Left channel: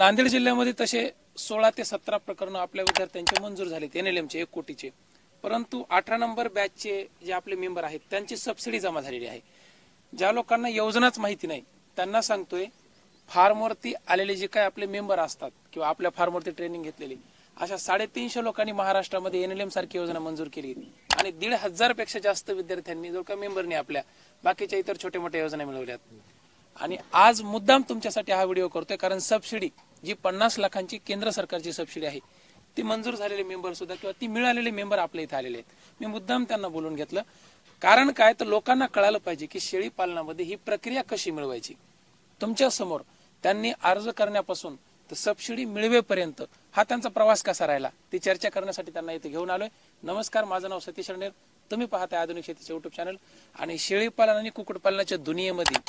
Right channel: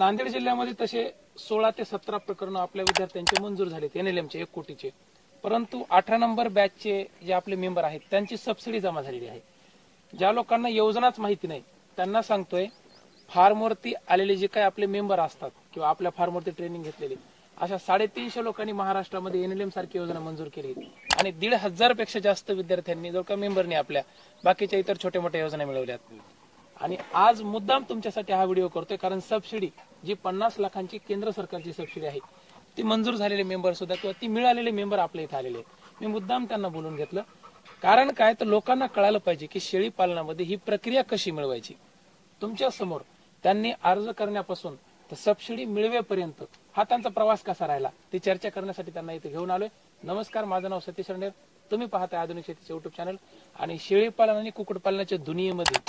नांदेड जिल्ह्यामध्ये तसे 16 ते 17 प्रकरण आपल्या विद्यार्थ्यांचे मंजूर झालेत एनएलएमचे 1 कोटीचे, परंतु 18 नंबर बॅचचे जे आपले मेंबर आहेत त्यांची सबसिडी जमा झालेली आहे. ज्या लोकांना योजनाच माहिती नाही त्यांना सांगतोय, फार्मवरती आलेले जे काही आपले मेंबर असतात किंवा आपल्या फार्मवरती ट्रेनिंग घेतलेले अशा 350 लोकांनी महाराष्ट्रामध्ये एनएलएम सारखी योजना मंजूर केली आणि 1,500 पेक्षा जास्त विद्यार्थ्यांनी जो का मेंबरनी आपल्या बाकीच्या इतर छोट्या मोठ्या योजना मिळवल्यात. आणि आज मुद्दाम तुमच्यासाठी हा व्हिडिओ करतोय कारण सबसिडी जी 50 लाखांची केंद्र सरकारची सबसिडी आहे ती मंजूर झालेले मेंबर सुद्धा किंवा ती मिळालेले मेंबर आपल्या इथे आलेले आहेत. मी मुद्दाम त्यांना बोलून घेतलं, कारण काय तर लोकांना कळालं पाहिजे की शेळी पालनामध्ये ही प्रक्रिया कशी मिळवायची. तुमच्या समोर त्यांनी अर्ज करण्यापासून तर सबसिडी मिळवेपर्यंत हा त्यांचा प्रवास कसा राहिला ती चर्चा करण्यासाठी त्यांना इथे घेऊन आलोय. नमस्कार, माझं नाव सतीश रणेर, तुम्ही पाहताय आधुनिक शेतीचे युट्यूब चॅनल. आणि शेळीपालन आणि कुक्कुटपालनाच्या दुनियेमध्ये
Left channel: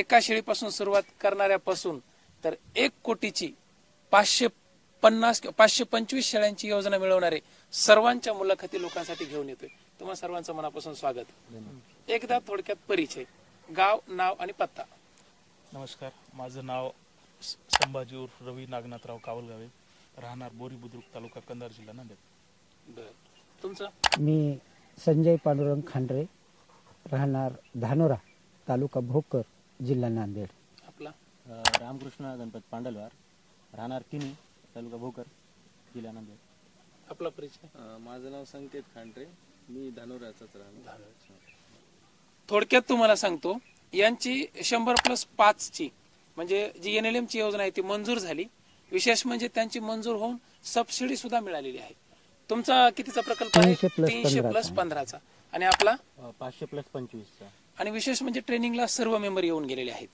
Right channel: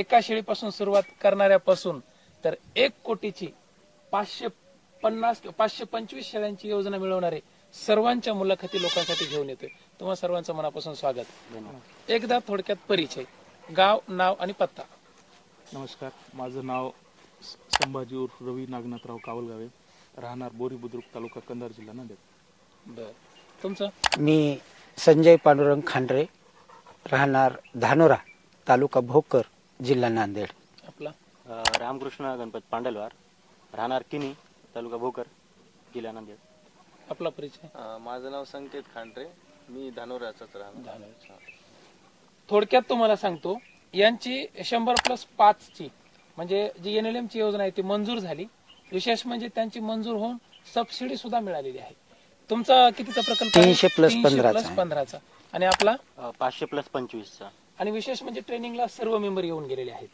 एका शेळीपासून सुरुवात करणाऱ्यापासून तर 1 कोटीची 525 शेळ्यांची योजना मिळवणारे सर्वांच्या मुलाखती लोकांसाठी घेऊन येतोय. तुम्हा सर्वांचं मनापासून स्वागत. एकदा थोडक्यात परिचय, गाव, नाव आणि पत्ता. नमस्कार, माझं नाव संभाजी उर्फ रवी नागनाथराव कावलगावे, राहणार बोरी बुद्रुक, तालुका कंधार, जिल्हा नांदेड. बर, तुमचं? मी संजय पांडुरंग खांडरे, राहणार धानोरा, तालुका भोकर, जिल्हा नांदेड. आपला? रामकृष्ण गणपत पांडलवार, राहणार किनी, तालुका भोकर, जिल्हा नांदेड. आपला परिचय? माझं नाव संकेत खांडरे, मी धानोराचाच राहणार. थोडक्यात तुम्हाला सांगतो, यांची 100+5 ची म्हणजे जी एनएलएम ची योजना आहे ती मंजूर झाली. विशेष म्हणजे त्यांची मंजूर होऊन सबसिडी सुद्धा मिळालेली आहे. तुमचा कितीचा प्रकल्प? 300+15 आणि आपला? 500+25. आणि विशेष म्हणजे ट्रेनिंगला सर्व मेंबर येऊन गेलेले आहेत.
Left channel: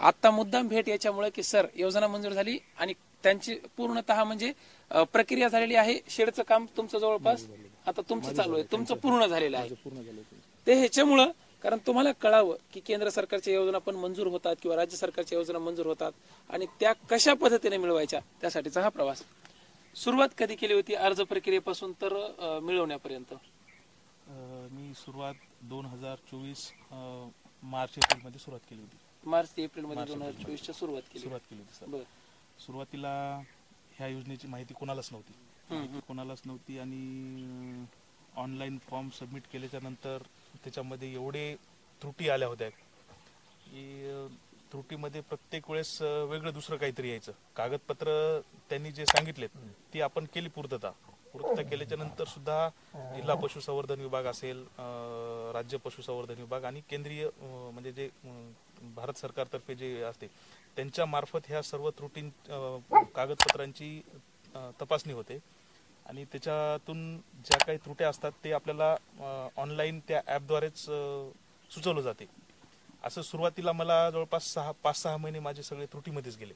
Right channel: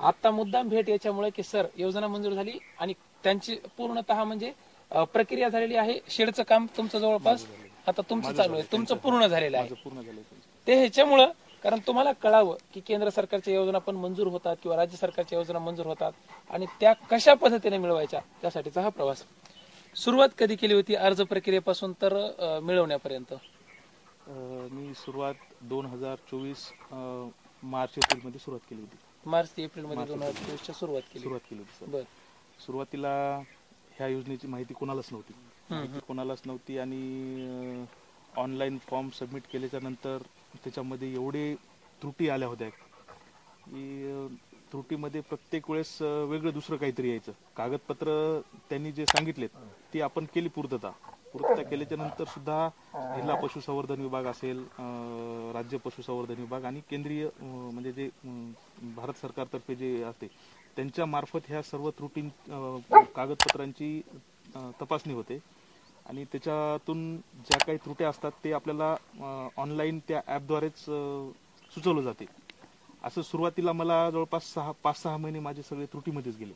आता मुद्दाम भेट याच्यामुळे की सर योजना मंजूर झाली आणि त्यांची पूर्णतः म्हणजे प्रक्रिया झालेली आहे. शेडचं काम तुमचं जवळपास आता तुमचं चालू आहे, तुमचं पूर्ण झालेलं आहे. ते ह्याच्यामुळं कारण तुम्हाला कळावं की केंद्र सरकारच्या योजना पण मंजूर होतात किंवा राज्य सरकारच्या योजना मंजूर होतात आणि त्या कशा पद्धतीने मिळवायच्या त्यासाठीचा हा प्रवास. सुरुवात कधी केली होती अर्ज प्रक्रियेपासून तर मिळवण्यापर्यंत? मी सुरुवात 2024 मार्च एप्रिल मध्ये सुरुवात केली होती. मार्च ते एप्रिल मध्ये 2024 सुरुवात केली होती. बर. सुरुवातीला ह्या योजनेची माहिती कोणालाच नव्हती आणि ऑनलाईन फॉर्म सबमिट केल्याच्या नंतर त्याच्यामध्ये एवढे त्रुटी आल्या होत्या की त्रुटीमध्ये प्रत्येक वेळेस वेगळं दुसरं काहीतरी यायचं. कागदपत्र त्यांनी जे सांगितलेत ती आपण केली पूर्तता केल्याच्या नंतर सुद्धा जिल्हा पशुसंवर्धन विभाग असेल, राज्य पशुसंवर्धन विभाग आणि केंद्रीय म्हणजे जे भारत सरकारतर्फे जे असते त्यांच्या मार्फत ह्या सर्व त्रुटी कागदपत्रांची तपासणी होते आणि त्याच्यातून ज्या काही त्रुटी असतात ते आपल्याला ऑनलाईन त्या ॲपद्वारेच सुचवलं जाते. असं सुरुवातीला मला जवळपास 5-6 महिने माझे सगळे त्रुटीमध्येच गेले.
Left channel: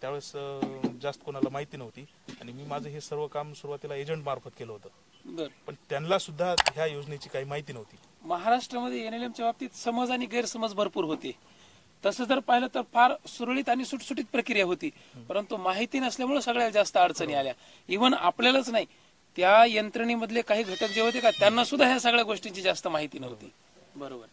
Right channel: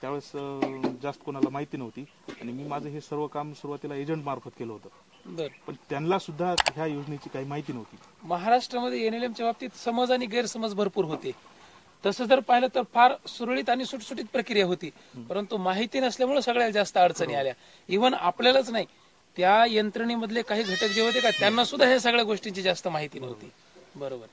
त्यावेळेस जास्त कोणाला माहिती नव्हती आणि मी माझं हे सर्व काम सुरुवातीला एजंट मार्फत केलं होतं. पण त्यांना सुद्धा ह्या योजनेची काही माहिती नव्हती. महाराष्ट्रामध्ये एनएलएमच्या बाबतीत समज आणि गैरसमज भरपूर होते. तसं जर पाहिलं तर फार सुरळीत आणि सुटसुटीत प्रक्रिया होती, परंतु माहिती नसल्यामुळे सगळ्यात जास्त अडचणी आल्या. इव्हन आपल्यालाच नाही, त्या यंत्रणेमधले काही घटक जे होते का त्यांना सुद्धा ह्या सगळ्या गोष्टींची जास्त माहिती नव्हती. बरोबर.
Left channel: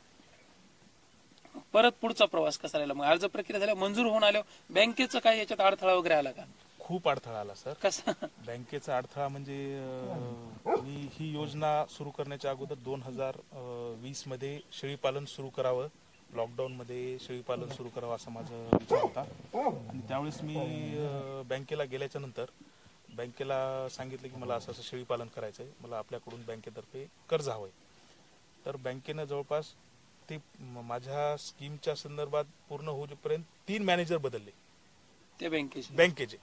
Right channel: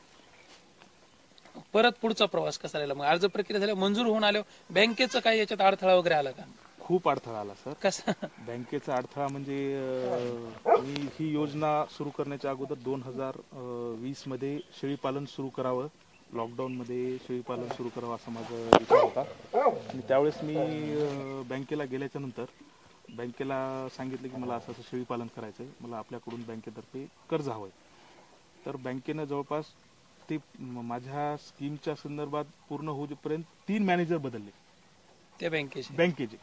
परत पुढचा प्रवास कसा राहिला? मग अर्ज प्रक्रिया झाल्या, मंजूर होऊन आलो, बँकेचं काही याच्यात अडथळा वगैरे आला का? खूप अडथळा आला सर. कसा? बँकेचा अडथळा म्हणजे मी ही योजना सुरू करण्याच्या अगोदर 2020 मध्ये शेळीपालन सुरू करावं, लॉकडाऊन मध्ये शेळीपालन सुरू करावं असा माझा विचार होता. आणि त्यावेळेस मी बँकेला गेल्याच्या नंतर बँकेला सांगितलं की मला असं शेळीपालन करायचं आहे, मला आपल्याकडून बँकेतर्फे कर्ज हवं आहे. तर बँकेनं जवळपास ते माझ्या स्कीमच्या संदर्भात पूर्ण होईपर्यंत 3 मॅनेजर बदलले त्या बँकेचे.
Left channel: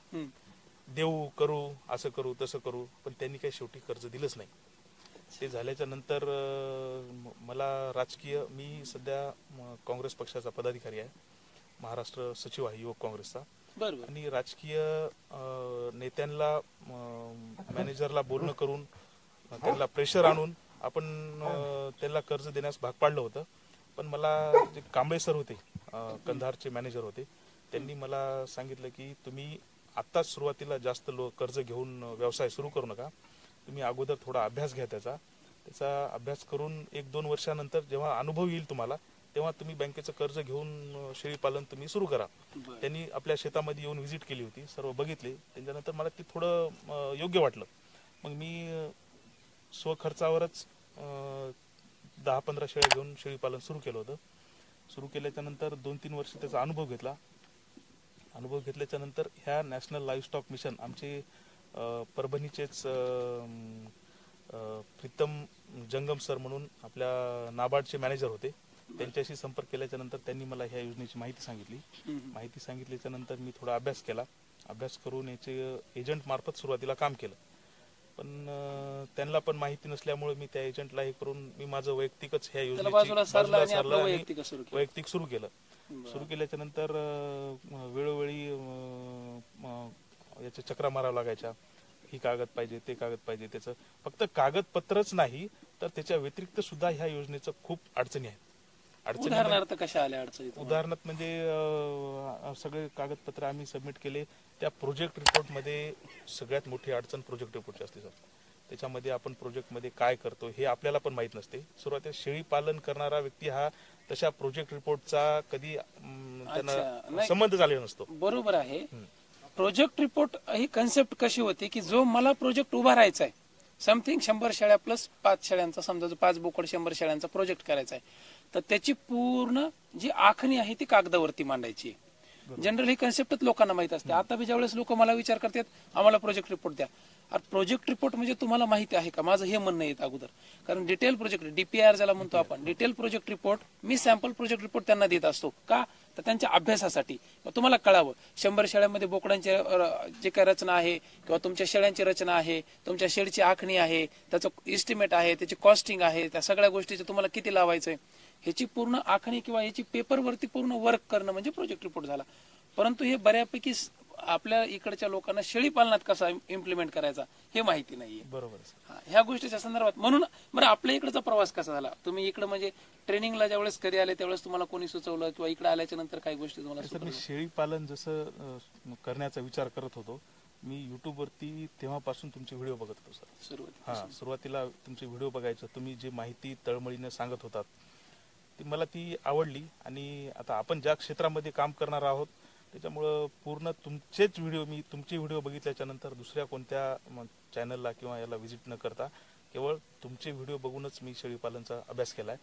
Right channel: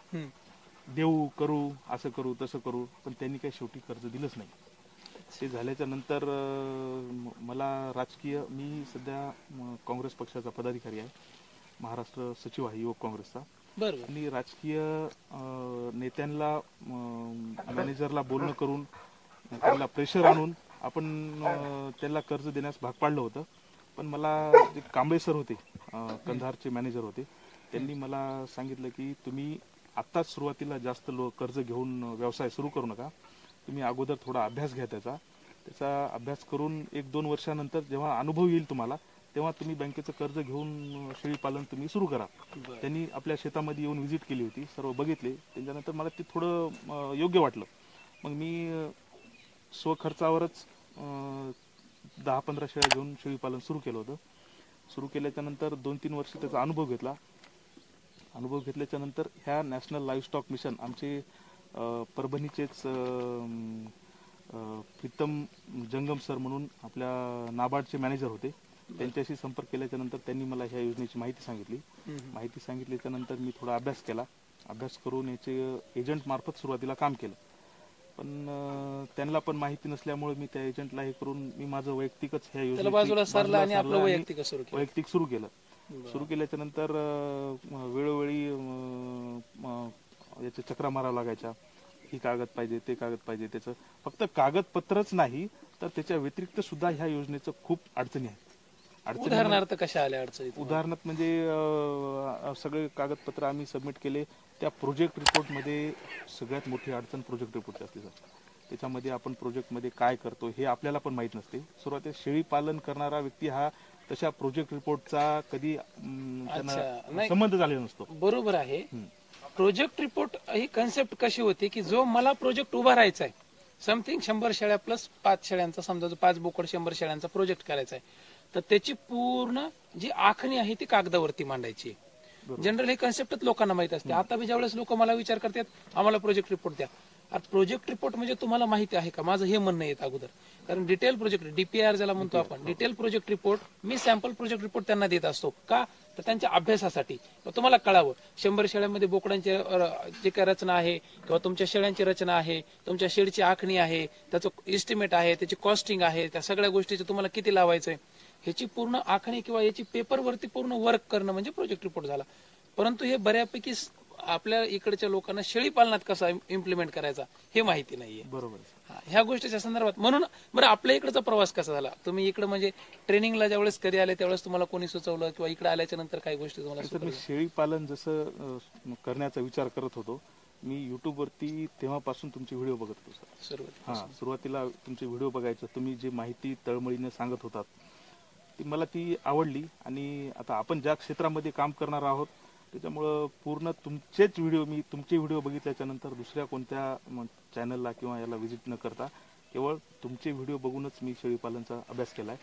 देऊ करू, असं करू, तसं करू, पण त्यांनी काही शेवटी कर्ज दिलंच नाही. ते झाल्याच्या नंतर मला राजकीय, मी सध्या काँग्रेस पक्षाचा पदाधिकारी आहे, महाराष्ट्र सचिव आहे युवक काँग्रेसचा. आणि राजकीय नेत्यांना मॅनेजरला बोलणं करून त्यांना प्रेशर आणून आपण त्यांना कर्ज देण्यास भाग पाडलं होतं. पण मला जे कांबळे सर होते, कंधारचे मॅनेजर होते, त्यांनी मला सांगितलं की तुम्ही आत्ताच सुरुवातीला जास्त कर्ज घेऊन व्यवसाय सुरू करू नका, तुम्ही अगोदर थोडा अभ्यास घ्या, त्याचा अभ्यास करून 1-2 वर्षानंतर जेव्हा अनुभव येईल तुम्हाला तेव्हा तुम्ही बँकेचं कर्ज घेऊन शेळी पालन तुम्ही सुरू करा. त्यांनी आपल्या शेतामध्ये येऊन व्हिजिट केली होती, सर्व बघितले. त्याच्यानंतर मला ते थोडं योग्य वाटलं. मग मी स्वखर्चावरच 10-15 शेळ्या घेऊन शेळी पालन सुरू केलं होतं. सुरू केल्याच्या नंतर 2-3 वर्ष त्याचा अनुभव घेतला. अनुभव घेतल्याच्या नंतर ह्या नॅशनल लाईव्हस्टॉक मिशन आमचे परभणीचेच प्रीतम जंगम सर म्हणून आपल्या नाबार्डचे मॅनेजर होते, त्यांच्याशी संपर्क केल्याच्या नंतर त्यांनी मला ह्या योजनेची माहिती सांगितली. माहिती सांगितल्याच्या नंतर मी थोडा अभ्यास केला. अभ्यास करून याचे एजंट मार्फत सुरुवातीला काम केलं. पण त्यांना पण माहिती नसल्यामुळे मी त्या एजंटला हे करून मी माझं वैयक्तिकच ह्या योजनेची वैयक्तिक सुरू केलं. सुरू केल्याच्या नंतर वेळोवेळी याच्या चक्रा मारावं लागायच्या. ही कागद पाहिजे, ते कागद पाहिजे. त्याचं फक्त कागदपत्रच नाही तर त्याच्या व्यतिरिक्त सुद्धा ह्या योजनेचं खूप अडचणी आहेत. उदाहरणार्थ कशा आल्या अडचणी? उदाहरणार्थ म्हणजे सगळे कागदपत्र आम्ही सबमिट केले. त्या प्रोजेक्ट रिपोर्टमध्ये सगळ्यात मोठी अडचण प्रोजेक्ट रिपोर्टची असते सर. त्याच्यामध्ये आपण प्रोजेक्टमध्ये काय करतो हे आपल्याला पण माहीत नसते. सुरुवातीला शेळी पालन करणारा व्यक्ती हा तशा प्रोजेक्ट रिपोर्टचा कधी त्यांना संबंध झालेला नसतो. बरोबर आहे. प्रोजेक्ट रिपोर्ट ही कन्सेप्ट कशी होती की जो मला प्रोजेक्ट उभा राहायचा आहे, समथिंग 100 शेळ्या प्लस 5 शेळ्यांचा, समजा 5 बोकड 100 शेळ्यांचा प्रोजेक्ट करायचा आहे, तर त्याची पूर्ण जी आखणी आहे ती कागदावरती मांडायची. जनरल हे कन्सेप्टच लोकांना माहित असते. आता बी ज्यावेळेस लोक मला विचार करतात आम्हाला प्रोजेक्ट रिपोर्ट द्या, अरे प्रोजेक्ट रिपोर्ट म्हणजे तुम्हाला माहिती आहे का, माझं हे म्हणणं येत अगोदर. कारण डिटेल प्रोजेक्ट डीपीआर ज्याला म्हणतो आपण, डिटेल प्रोजेक्ट रिपोर्ट, मी सॅम्पल प्रोजेक्ट रिपोर्ट त्यांना देत असतो. का तर त्यांच्या अभ्यासासाठी तुम्हाला कळावं 100 शेळ्यांमध्ये बोकडांची जे काय रचना आहे किंवा तुमच्या शेळ्यांची रचना आहे, तुमच्या शेडची आखणी आहे, त्याचं इस्टिमेट आहे, त्याची कॉस्टिंग आहे, त्या सगळ्या गोष्टीचे तुम्हाला किती लावायचंय ह्याची पूर्ण आखणी किंवा याची पेपरवरती पूर्ण वर्क करणं म्हणजे प्रोजेक्ट रिपोर्ट झाला. परंतु हे बऱ्यापैकी आपल्या इकडच्या लोकांना शेळी पालनात कसा इम्प्लिमेंट करायचा हे माहिती नाहीये. बरोबर. ह्या गोष्टीच्या संदर्भात म्हणून बरं आपल्या इकडचा प्रवास कसा झाला? तुम्ही इकडे म्हणजे ट्रेनिंगला ज्यावेळेस कधी आले त्यावेळेस तुम्हाला कोणी सुचवलं किंवा इकडे आल्याच्या नंतर काही गोष्टी तुम्हाला? मी शेळी पालन जसं करण्याचा विचार करत होतो, मी युट्यूब वरती तेव्हापासून तुमचे व्हिडिओ बघत होतो सर. सुरुवातीला तुमचे व्हिडिओ बघायचे, तुम्ही जी माहिती तळमळीने सांगत होतात ती मला आवडली. आणि आता आपण ज्या क्षेत्रामध्ये काम करणार आहोत त्याच्यामुळं पूर्ण तुमचेच व्हिडिओ, मी तुमचे व्हिडिओ बघितल्याच्या नंतर दुसऱ्या कोणत्या चॅनलला किंवा याला व्हिजिट न करता केवळ तुमचे व्हिडिओ बघूनच मी शेळी पालनचा अभ्यास केलाय.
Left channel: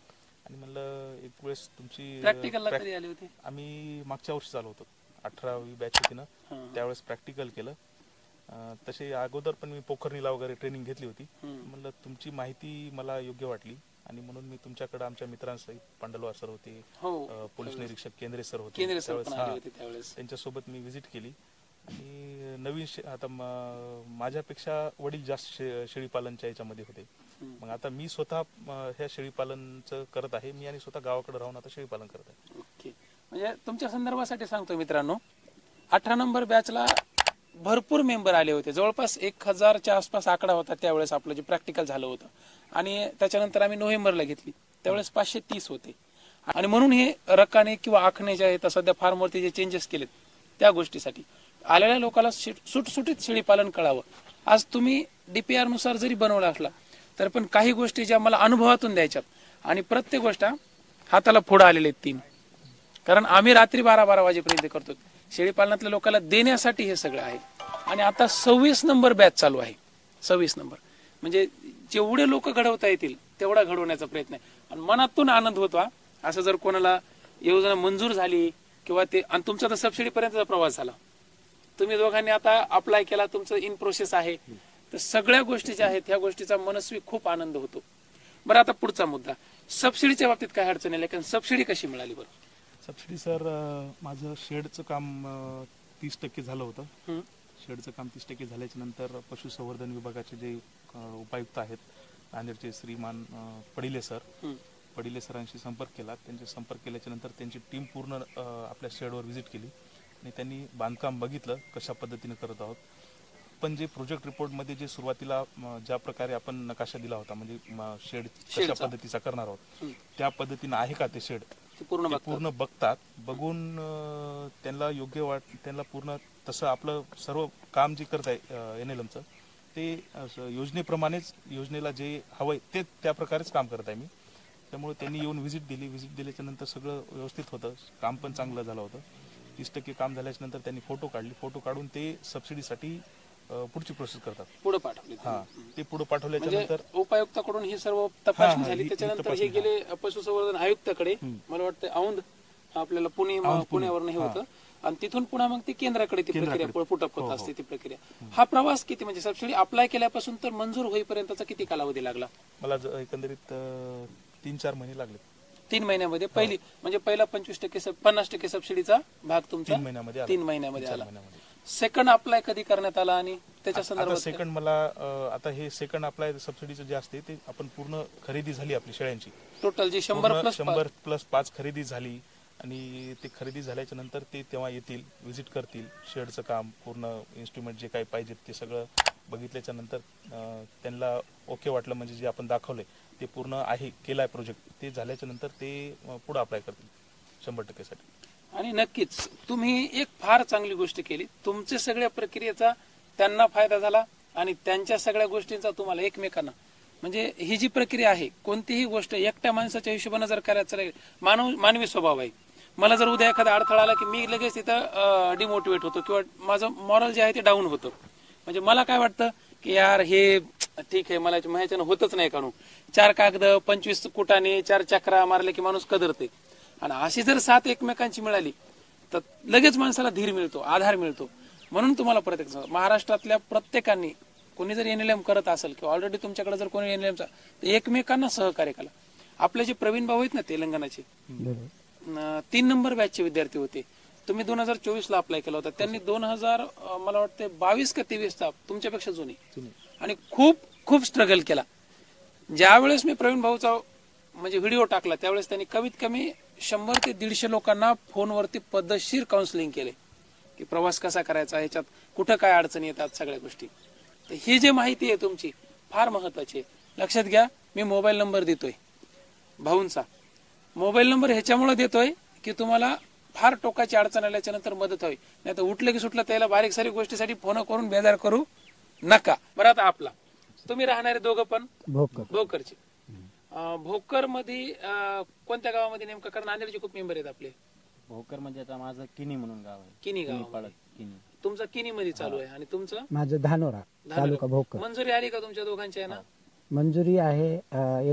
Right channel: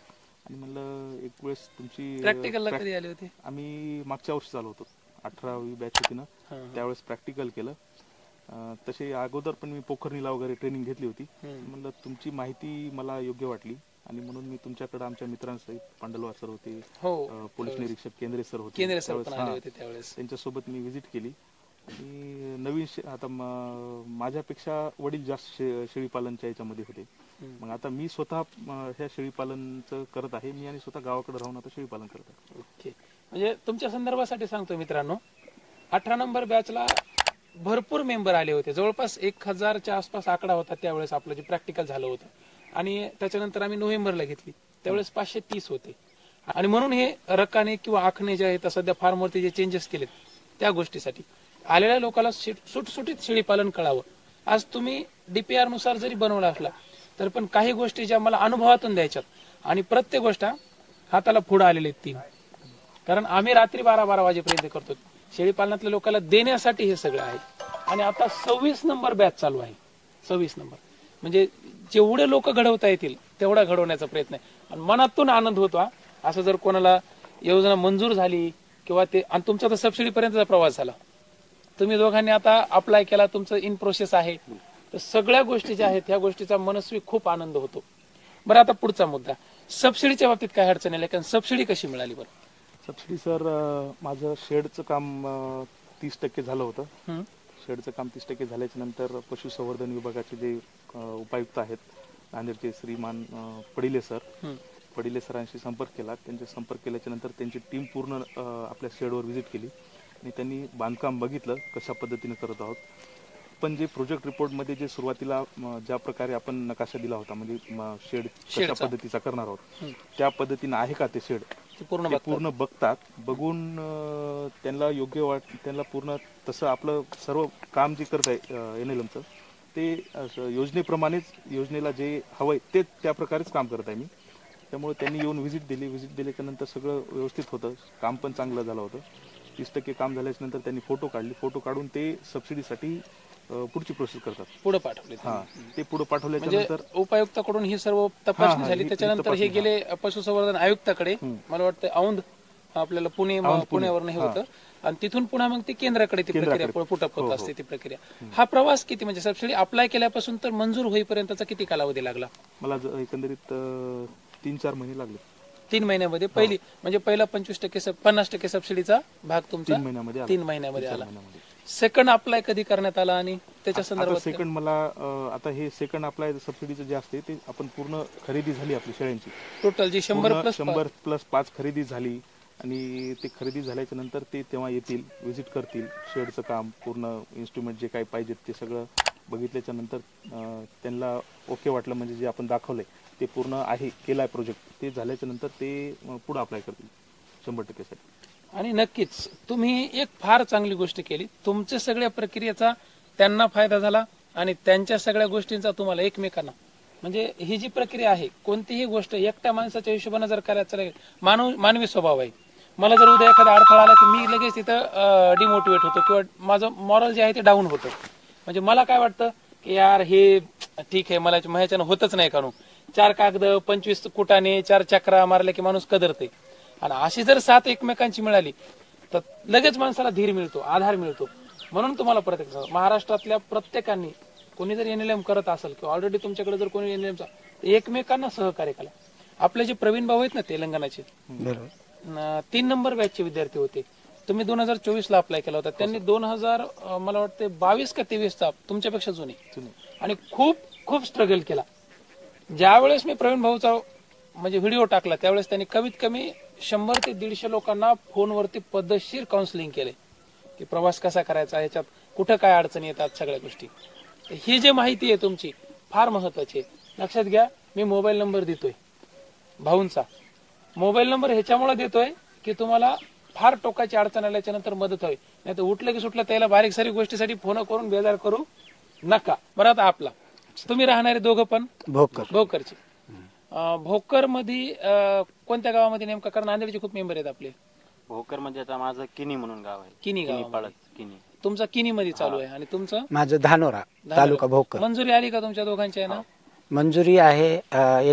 आणि म्हणलं एक वेळेस तुमची प्रॅक्टिकलला कधी आले होते? आम्ही मागच्या वर्षी चालू होतो, 18वी बॅच होती ना, त्यावेळेस प्रॅक्टिकल केलं. तसे अगोदर पण मी पोखरणीला वगैरे ट्रेनिंग घेतली होती. म्हणलं तुमची माहिती मला योग्य वाटली आणि म्हणून मी तुमच्याकडे आमच्या मित्रांसहित पांडलवार सर होते, पोलीस निरीक्षक केंद्रे सर होते, त्यांच्यासोबत मी व्हिजिट केली. आणि नवीन आता माझ्यापेक्षा वडील जास्त शेळी पालनच्या याच्यामध्ये होते. मग आता मी स्वतः ह्या शेळी पालनचं करत आहे. मी आणि स्वतः गावाकडे राहून आता शेळी पालन करत आहे. ओके. म्हणजे तुमच्या संदर्भासाठी सांगतो मित्रांनो, 18 नंबर बॅचला भरपूर मेंबर आले होते. जवळपास 1000च्या आसपास आकडा होता त्यावेळेस आपलं जे प्रॅक्टिकल झालं होतं. आणि त्याच्यानंतर आम्ही नोव्हेंबरला घेतली त्यावेळेस 530 होते. आणि म्हणून हे रकाने किंवा आखणे जे आहेत सध्या फार्मवरती जे चेंजेस केलेत त्या गोष्टीसाठी आलेल्या लोकांना सुटसुटीत शेळी पालन कळावं. आज तुम्ही डीपीआर नुसार जरी बनवला असला तर पण काही गोष्टी ज्या मला अनुभवातून द्यायच्यात आणि प्रत्येक गोष्ट हाताला फोड आलेले आहेत 3. कारण आम्ही रात्री 12-12 वाजेपर्यंत करतो. शेळी पालनातल्या लोकांना देण्यासाठी हे सगळं आहे. आणि आता 26 नंबर बॅच चालू आहे. 26 नंबर म्हणजे जेवढे लोक घडवता येतील तेवढा घडवण्याचा प्रयत्न आहे. आणि मनातून आनंद होतो. असं जर कोणाला योजना मंजूर झाली किंवा ते, आणि तुमचा तर सबसिडी पर्यंतचा प्रवास झाला, तुम्ही दोघांनी आता अप्लाय केला, तुमचं इन प्रोसेस आहे, तर सगळ्या गोष्टी ज्या आहेत ह्या गोष्टीचा मनस्वी खूप आनंद होतो. बरं आता पुढचा मुद्दा, सबसिडीच्या बाबतीत काय अडचण आहे? कारण सबसिडी कशी मिळाली? बरं सबसिडी सर, माझं शेडचं काम 30% झालं होतं. शेडचं काम 30% झाल्याच्या नंतर पशुसंवर्धन विभागाचे जे उपायुक्त आहेत नांदेडचे श्रीमान पडिले सरांशी संपर्क केला. त्यांचा संपर्क केल्याच्या नंतर त्यांची टीम पूर्ण आपल्या शेडवर व्हिजिट केली आणि त्यांनी बांधकाम बघितलं कशा पद्धतीने करत आहोत. पण जे प्रोजेक्ट रिपोर्टमध्ये जे सुरुवातीला ज्या प्रकारे आपण नकाशा दिला होता, म्हणजे शेड कशा पद्धतीचा करणार आहोत त्या पद्धतीने आहे का ते शेड पूर्ण बघतात. बघून त्यांना योग्य त्यांना पूर्ण तसं आपलं सर्व काम जे करत आहे NLMचं ते योजनेप्रमाणेच, योजनेला जे हवंय ते त्या प्रकारेच काम करत आहे मी. त्यामुळे त्यांनी येऊन व्हिजिट दिली. व्हिजिट दिल्याच्या नंतर सगळं व्यवस्थित होतं, काम पण चांगलं झालं होतं. 30% काम झाल्याच्या नंतर त्यांनी फोटो काढले. फोटो काढून ते सबसिडीसाठी पुढची प्रोसेस करतात. पुढे पाठवले हा, ते पुढे पाठवल्याच्या म्हणजे नंतर उपायुक्ताकडून ही सर्व तपासणी झाली. त्याच्यानंतर हे गेले पशुसंवर्धन आयुक्ताकडे, मला वाटतं औंध आपल्याला पुण्यावरून हे होतं, आणि तिथून पुन्हा मग ती केंद्राकडे ती प्रक्रिया पुटअप होत असते ती प्रक्रिया. हा प्रवास किती, म्हणजे सबसिडी अप्लाय केल्यापासून तर मंजूर होईपर्यंतचा किती कालावधी लागला? मला एकंदरीत 3-4 महिने लागले. 3 महिन्यामध्ये पहिली म्हणजे पहिला 50% सबसिडीचा भाग तुमचा 3 महिन्यामध्ये आला. सेकंड अप्लाय कधी करण्यात आला आणि त्याच्या संदर्भात सेकंड मला आता हे सेकंड अप्लाय सबसिडीचं जे असते ते आपण पूर्ण खरेदी झाली आपली शेळ्यांची, टोटल जी 100+5 खरेदी झाली, आणि ते खरेदी झाल्याच्या नंतर ते तेव्हा येतील, व्हिजिट करतील, शेडचं काम पूर्ण इन्स्ट्रुमेंट जे काही पाहिजेत ते सगळं बघितल्याच्या नंतर त्यांना ओके वाटलं, म्हणजे जे आपण दाखवलंय ते पूर्ण आहे, केलाय प्रोजेक्ट, ते झाल्याच्या नंतर ते पुढे अप्लाय करतील 100% साठी. आणि नक्कीच तुम्ही एक फार चांगली गोष्ट केली. तुमच्या सगळ्या प्रक्रियेचा त्यांना फायदा झाला आणि त्यांच्या सगळ्या गोष्टींचा तुम्हाला एकमेकांना, म्हणजे ही जी प्रक्रिया आहे, कोणतीही गोष्ट एकट्या माणसाच्या हिशोबाने जर करायचं, मानवी स्वभाव आहे. मला जर उद्या एखादा अडथळा आला की मी लगेच तिथं डिमोटिवेट होतो किंवा माझं मॉरल जे आहे ते डाऊन होतं. म्हणजे मला काय वाटतं की यार हे ठीक आहे, मला ह्याच्यानं होतच नाही, काढून 4 कागद 25 कुटाने 4 चक्रा मारल्या की माणूस कदरते. आणि अशी जर साथ एकमेकांची मिळाली तर लगेच माणसाला धीर मिळतो, आधार मिळतो. म्हणून तुम्हाला प्रत्येक महाराष्ट्रातल्या प्रत्येकाने कोणी जर NLM करत असेल किंवा ऑलरेडी तुमच्याकडे जर कोणी NLMचा, एकमेकांना सहकार्य करा. आपले जे प्रवीण भाऊ आहेत ना तेलंगणाचे, 3 नंबर बॅचचे विद्यार्थी होते. तुम्ही 2024 ला अप्लाय केला होता, त्यांनी 2000 मला वाटतं 22 का 23 तुमच्यापेक्षा जुने, आणि खूप खूप स्ट्रगल केला. ज्यावेळेस मी प्रवीण भाऊचा म्हणजे व्हिडिओ टाकला त्यावेळेस त्यांनी कमीत कमी 100 ते 150 लोकांना फोनवरती पद्धतशीर काउन्सिलिंग केले की प्रवास कसा करायचा, ह्याच्यात कुठं काय अडचणी येतात, सगळ्या गोष्टी. तर ही जी माहिती आहे तुमची फार महत्वाची आहे. लक्षात घ्या, मी मोबाईल नंबर देतोय भाऊंचा. मोबाईल नंबर ह्याच्यामुळे देतोय की तुम्हाला फार टोकाची अडचण आल्याच्या नंतर मदत व्हावी. नाही तर उठलं की सुटलं त्याला बारीक सारी गोष्टीसाठी फोन करून बेजार करू नका. बरं, आता आपला तुम्ही राहणारे दोघं पण भोकरचे. भोकर मध्ये कोणत्या गावामध्ये नेमका, कारण नांदेडचे खूप मेंबर आहेत आपले. भोकर म्हणजे आता माझं किनी म्हणून गाव आहे. किनी गाव किनी. तुमचा किनी मध्ये चालू आहे आणि तुमचं माझं धानोरा तालुका भोकर. मंजुरी आली का तुमच्या दोघांच्या ना? मंजुरी आहे.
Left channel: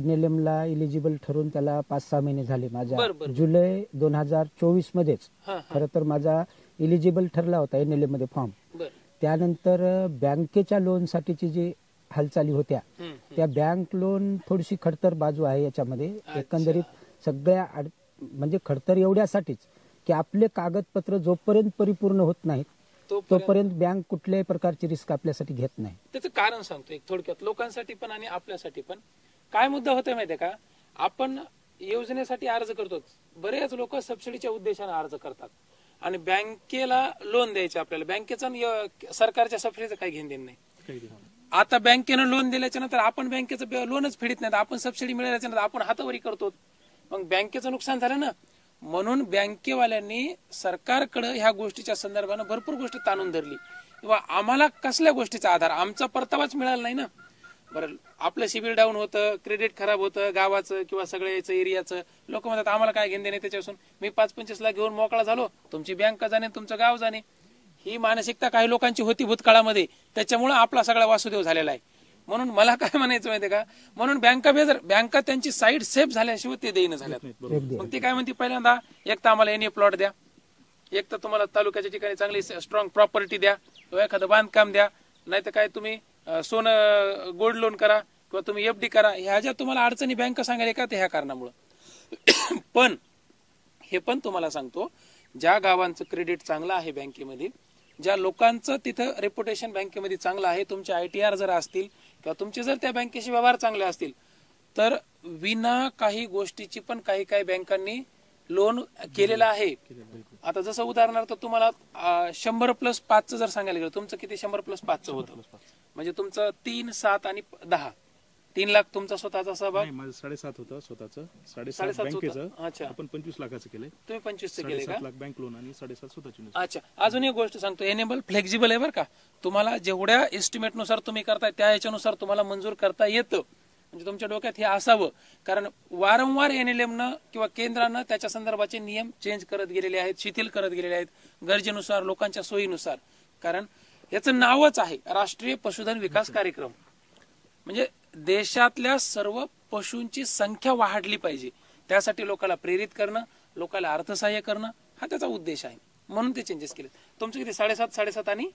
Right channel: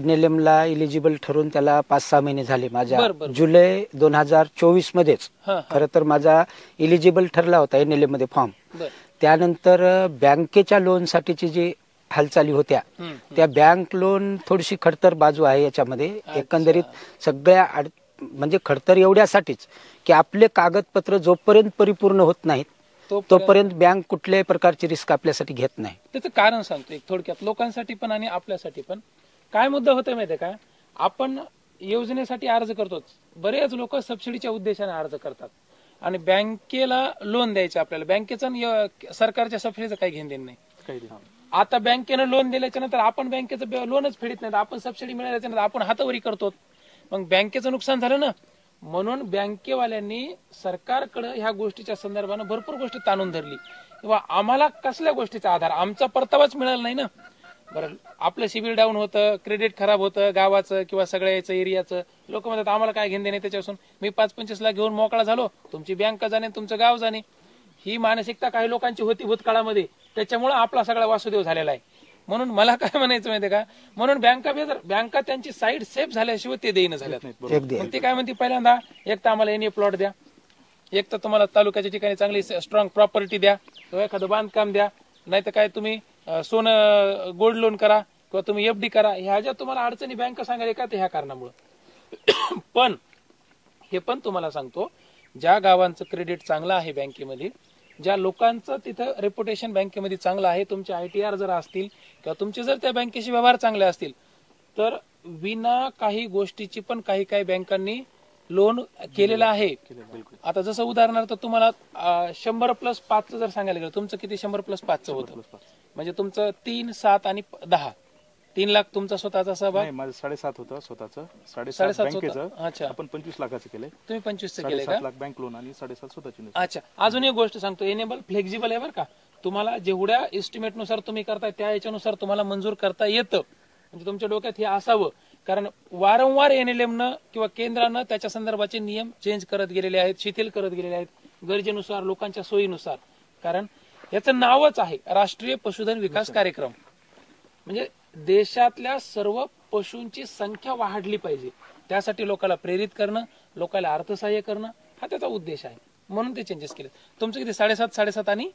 NLM ला इलिजिबल ठरून त्याला 5-6 महिने झाले. माझ्या जुलै 2024 मध्येच खरं तर माझा इलिजिबल ठरला होता NLM मध्ये फॉर्म. त्यानंतर बँकेच्या लोन साठीची जी हालचाली होत्या त्या बँक लोन थोडीशी खडतर बाजू आहे याच्यामध्ये. एकंदरीत सगळ्या म्हणजे खडतर एवढ्यासाठीच की आपले कागदपत्र जोपर्यंत परिपूर्ण होत नाहीत तोपर्यंत बँक कुठल्याही प्रकारची रिस्क आपल्यासाठी घेत नाही. त्याचं कारण सांगतो एक थोडक्यात, लोकांसाठी पण आणि आपल्यासाठी पण. काय मुद्दा होतोय माहितीये का, आपण योजनेसाठी अर्ज करतो, बरेच लोक सबसिडीच्या उद्देशाने अर्ज करतात आणि बँकेला लोन द्यायचे आपल्याला. बँकेचा सरकारच्या सबसिडीचं काही घेणं देणं नाही. आता बँकेनं लोन दिल्याच्या नंतर आपण बँकेचं लोनच फेडत नाही, आपण सबसिडी मिळाल्याच्या नंतर आपण हातावरी करतो, मग बँकेचं नुकसान झालं ना. म्हणून बँकेवाल्यांनी सरकारकडे ह्या गोष्टीच्या संदर्भानं भरपूर गोष्टी ताणून धरली किंवा आम्हाला कसल्या गोष्टीचा आधार, आमचा परतावाच मिळाला नाही ना. बरं, आपलं सिबिल डाऊन होतं, क्रेडिट खराब होतं गावाचं किंवा सगळ्याचं एरियाचं. लोक म्हणतात आम्हाला काय घेणं देणे त्याच्यापासून, मी 5-25 लाख घेऊन मोकळा झालो, तुमची बँक जाणे तुमचं गाव जाणे. ही मानसिकता काही लोकांची होती भूतकाळामध्ये, त्याच्यामुळे आपला सगळा वासुदेव झालेला आहे. म्हणून मला काय म्हणायचं माहितीये का, म्हणून बँका त्यांची साईड सेफ झाल्याशिवाय ते देईन झाल्यात. ते काय म्हणते, पहिल्यांदा एक तर आम्हाला NA प्लॉट द्या, एक तर तुम्हाला तालुक्याच्या ठिकाणी चांगली स्ट्रॉंग प्रॉपर्टी द्या किंवा एखादं बांधकाम द्या, नाही तर काय तुम्ही सोनं गोल्ड लोन करा किंवा तुम्ही FD करा. ह्या ज्या तुम्हाला अडचणी बँक सांगायला का, ते ह्या कारणामुळे. पण हे पण तुम्हाला सांगतो, ज्या गावांचं क्रेडिट चांगलं आहे बँकेमध्ये, ज्या लोकांचं तिथं रेप्युटेशन बँकेमध्ये चांगलं आहे, तुमचे ITR जर असतील किंवा तुमचे जर त्या बँकेशी व्यवहार चांगले असतील तर विना काही गोष्टीची पण काही काही बँकांनी लोन केलेलं आहे. आता जसं उदाहरणार्थ तुम्हाला 100+5 जर सांगायला गेलं, तुमचं किती 100+5 होतं, म्हणजे तुमचं 3, 7 आणि 10 3 लाख तुमचा स्वतःचा सहभाग. माझं 7.5 होतं स्वतःचं, 7.5 बँकेचं. अच्छा, आपण 25 लाखाचं केलंय. तुम्ही 25चं केलंय का? 7.5 लाख बँक लोन आणि 7.5 स्वतःची. अच्छा, अजून एक गोष्ट सांगतो, एनेबल फ्लेक्झिबल आहे बरं का. तुम्हाला जेवढ्या एस्टिमेट नुसार तुम्ही करताय त्या याच्यानुसार तुम्हाला मंजूर करता येतं. म्हणजे तुमच्या डोक्यात हे असावं, कारण वारंवार एनएलएमनं किंवा केंद्रानं त्याच्या संदर्भाचे नियम चेंज करत गेलेले आहेत, शिथिल करत गेलेले आहेत गरजेनुसार, लोकांच्या सोयीनुसार. कारण याचं नावच आहे राष्ट्रीय पशुधन विकास कार्यक्रम. म्हणजे देशातल्या सर्व पशूंची संख्या वाढली पाहिजे, त्यासाठी लोकांना प्रेरित करणं, लोकांना अर्थसहाय्य करणं हा त्याचा उद्देश आहे. म्हणून ते चेंजेस केले. तुमचं किती 7.5 आणि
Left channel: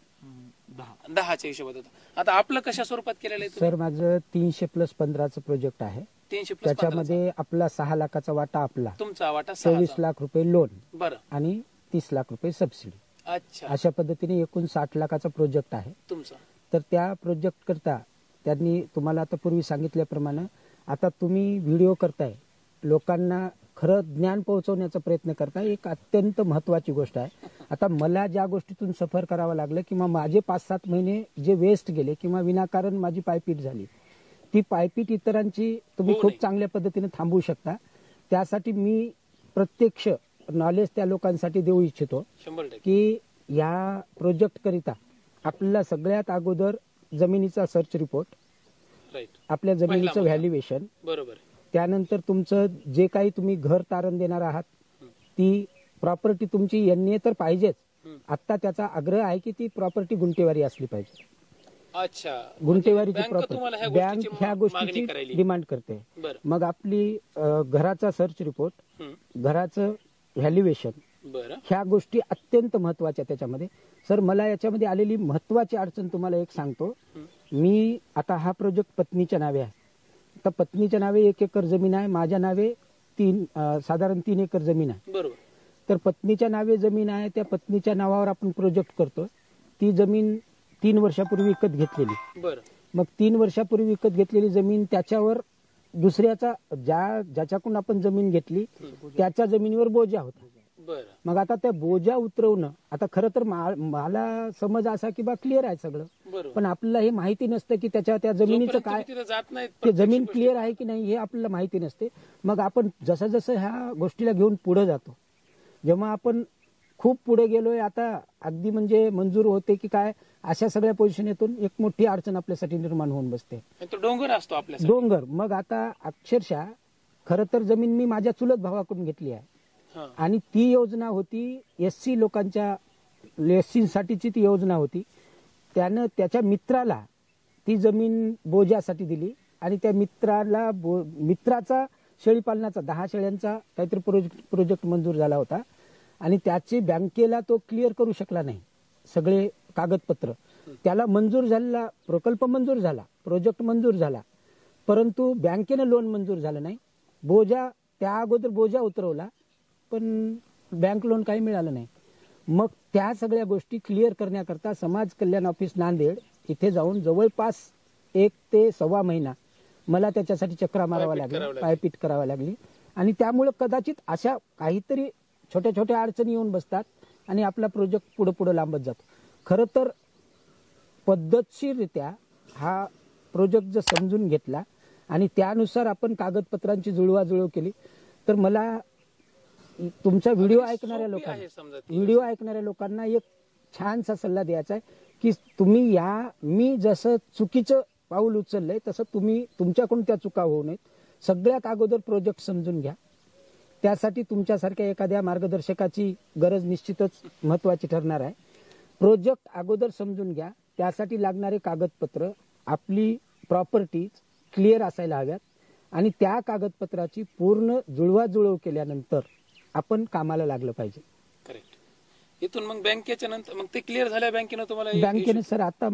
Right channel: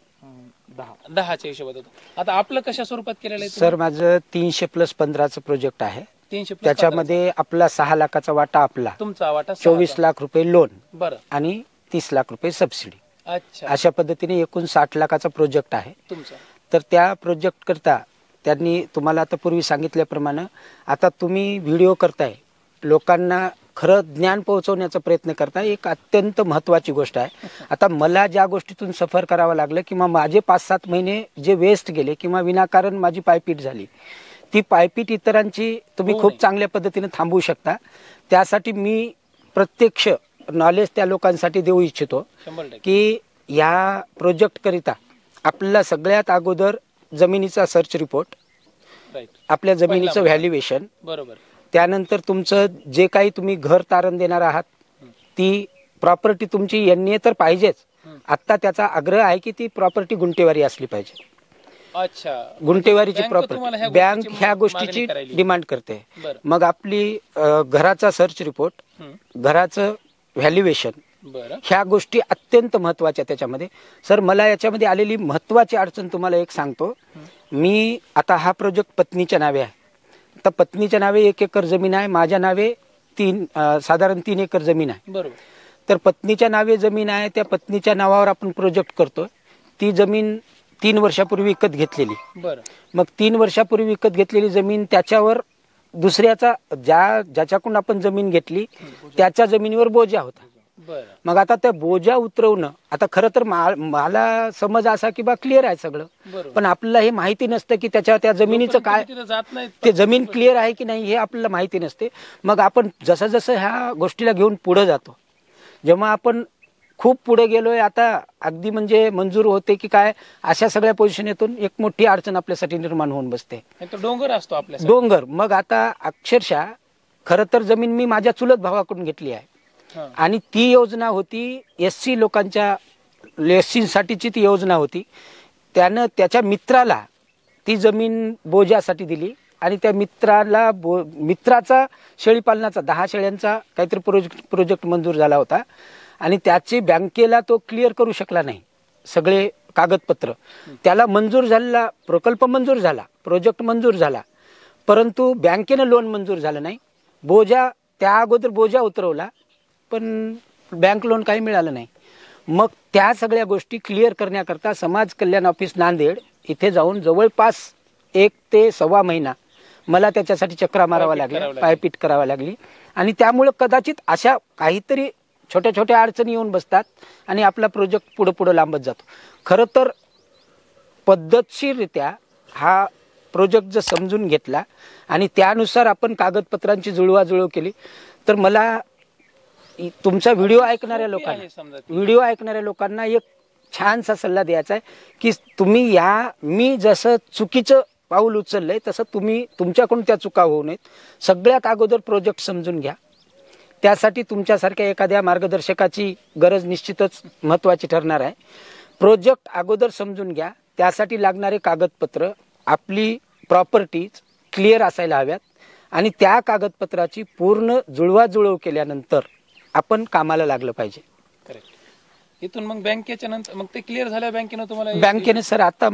10च्या हिशोबात होतं. आता आपलं कशा स्वरूपात केलेलं आहे सर? माझं 300+15चं प्रोजेक्ट आहे. 300+15 त्याच्यामध्ये आपला 6 लाखाचा वाटा, आपला तुमचा वाटा 24 लाख रुपये लोन बरं आणि 30 लाख रुपये सबसिडी. अच्छा, अशा पद्धतीने एकूण 60 लाखाचा प्रोजेक्ट आहे तुमचा. तर त्या प्रोजेक्ट करता त्यांनी तुम्हाला आता पूर्वी सांगितल्याप्रमाणे आता तुम्ही व्हिडिओ करताय, लोकांना खरं ज्ञान पोहोचवण्याचा प्रयत्न करताय, एक अत्यंत महत्वाची गोष्ट आहे. आता मला ज्या गोष्टीतून सफर करावं लागलं किंवा माझे 5-7 महिने जे वेस्ट गेले किंवा विनाकारण माझी पायपीट झाली, ती पायपीट इतरांची तुम्ही खूप चांगल्या पद्धतीने थांबवू शकता. त्यासाठी मी प्रत्यक्ष नॉलेज त्या लोकांसाठी देऊ इच्छितो 100%. की या प्रोजेक्ट करिता आपल्याला सगळ्यात अगोदर जमिनीचा सर्च रिपोर्ट, राईट, आपल्या जमिनीचं व्हॅल्युएशन, बरोबर, त्यानंतर तुमचं जे काही तुम्ही घर तारण देणार आहात ती प्रॉपर्टी तुमची NA तर पाहिजेच. आता त्याचा आग्रह आहे की ती प्रॉपर्टी गुंठेवारी असली पाहिजे. अच्छा, गुंठेवारीची बँक प्रॉपर्टी, तुम्हाला ह्या बँक गोष्टीची ह्या मागणी गोष्टीची करायली. डिमांड करते. बरं. मग आपली घराचा सर्च रिपोर्ट, घराचं व्हॅल्युएशन, बरं, ह्या गोष्टी अत्यंत महत्वाच्या त्याच्यामध्ये. सर, मला याच्यामध्ये आलेली महत्वाची अडचण तुम्हाला एक सांगतो. मी आता हा प्रोजेक्ट पत्नीच्या नावे आहे. तर पत्नीच्या नावे 1 एकर जमीन आहे, माझ्या नावे साधारण 3 एकर जमीन आहे. बरोबर, तर पत्नीच्या नावे जमीन आहे, त्या पत्नीच्या नावावर आपण प्रोजेक्ट करतोय. ती जमीन 3 वर्षापूर्वी विकत घेतलेली. बरं, मग 3 वर्षापूर्वी विकत घेतलेली जमीन, त्याच्यावर दुसऱ्याचा ज्याच्याकडून आपण जमीन घेतली त्याच्या जमिनीवर बोजा होता. बरं, मग आता त्या बोजा उतरवणं, आता खरं तर मला समज असा की बा क्लिअर आहे सगळं, बरोबर. पण आपल्याला हे माहिती नसतं की त्या जमिनीचं काय, तिथे जात नाही. ते जमीन क्लिअर आहे की नाही हे आपल्याला माहिती नसते. मग आपण जसं जसं ह्या गोष्टीला घेऊन पुढे जातो, जेव्हा आपण खूप पुढे गेलोय, आता अगदी म्हणजे मंजूर होते की काय, अशा सगळ्या पोझिशनेतून एक मोठी अडचण आपल्यासाठी निर्माण होऊन बसते. तो डोंगर असतो आपल्या डोंगर. मग आता अक्षरशः खरं तर जमीन मी माझ्या चुलत भावाकडून घेतली आहे आणि ती योजना होती SC लोकांच्या, SC साठीची ती योजना होती. त्यानं त्याच्या मित्राला ती जमीन बोजासाठी दिली आणि त्या मित्राचा शेळीपालनाचा 10 शेळ्यांचा काहीतरी प्रोजेक्ट मंजूर झाला होता आणि त्याची बँकेला तो क्लिअर करू शकला नाही सगळे कागदपत्र. त्याला मंजूर झालेला प्रकल्प मंजूर झाला, प्रोजेक्ट मंजूर झाला, परंतु बँकेनं लोन मंजूर झालं नाही. त्या अगोदर बोजा उतरवला पण बँक लोन काही मिळालं नाही. मग त्या सगळ्या गोष्टी क्लिअर करण्याकरता समाज कल्याण ऑफिस नांदेड इथे जाऊन जवळपास 1 ते सव्वा महिना मला त्याच्यासाठी चक्रा मारावा लागला, पायपीट करावा लागली. आणि त्यामुळे कदाचित अशा काहीतरी छोट्या छोट्या अडचणी येऊन बसतात आणि आपला प्रोजेक्ट पुढे पुढे लांबत जातो. खरं तर पद्धतशीररित्या हा प्रोजेक्ट जर समजून घेतला आणि त्यानुसार आपण कागदपत्रांची जुळवाजुळव केली तर मला तुमचा व्हिडिओ ऐकणाऱ्या लोकांना एक छानसा सल्ला द्यायचा आहे की तुम्ही मी जसं चुकीचं पाऊल उचललंय तसं तुम्ही तुमच्याकडून त्या चुका होऊ नयेत. सगळ्यात अगोदर प्रोजेक्ट समजून घ्या. त्यासाठी तुमच्यासारख्या एखाद्या मार्गदर्शकाची गरज निश्चितच महत्त्वाची ठरणार आहे. प्रोजेक्ट अगोदर समजून घ्या, त्यासाठी लागणारे कागदपत्र, आपली प्रॉपर्टीज क्लिअर असायला हव्यात आणि त्या कागदपत्राची पूर्ण जुळवाजुळव केल्यानंतर आपण कामाला लागलं पाहिजे. करेक्ट. इथून मग बँकेच्या नंतर मग ते क्लिअर झाल्या बँकेनं तुम्हाला? बँकेने सर आता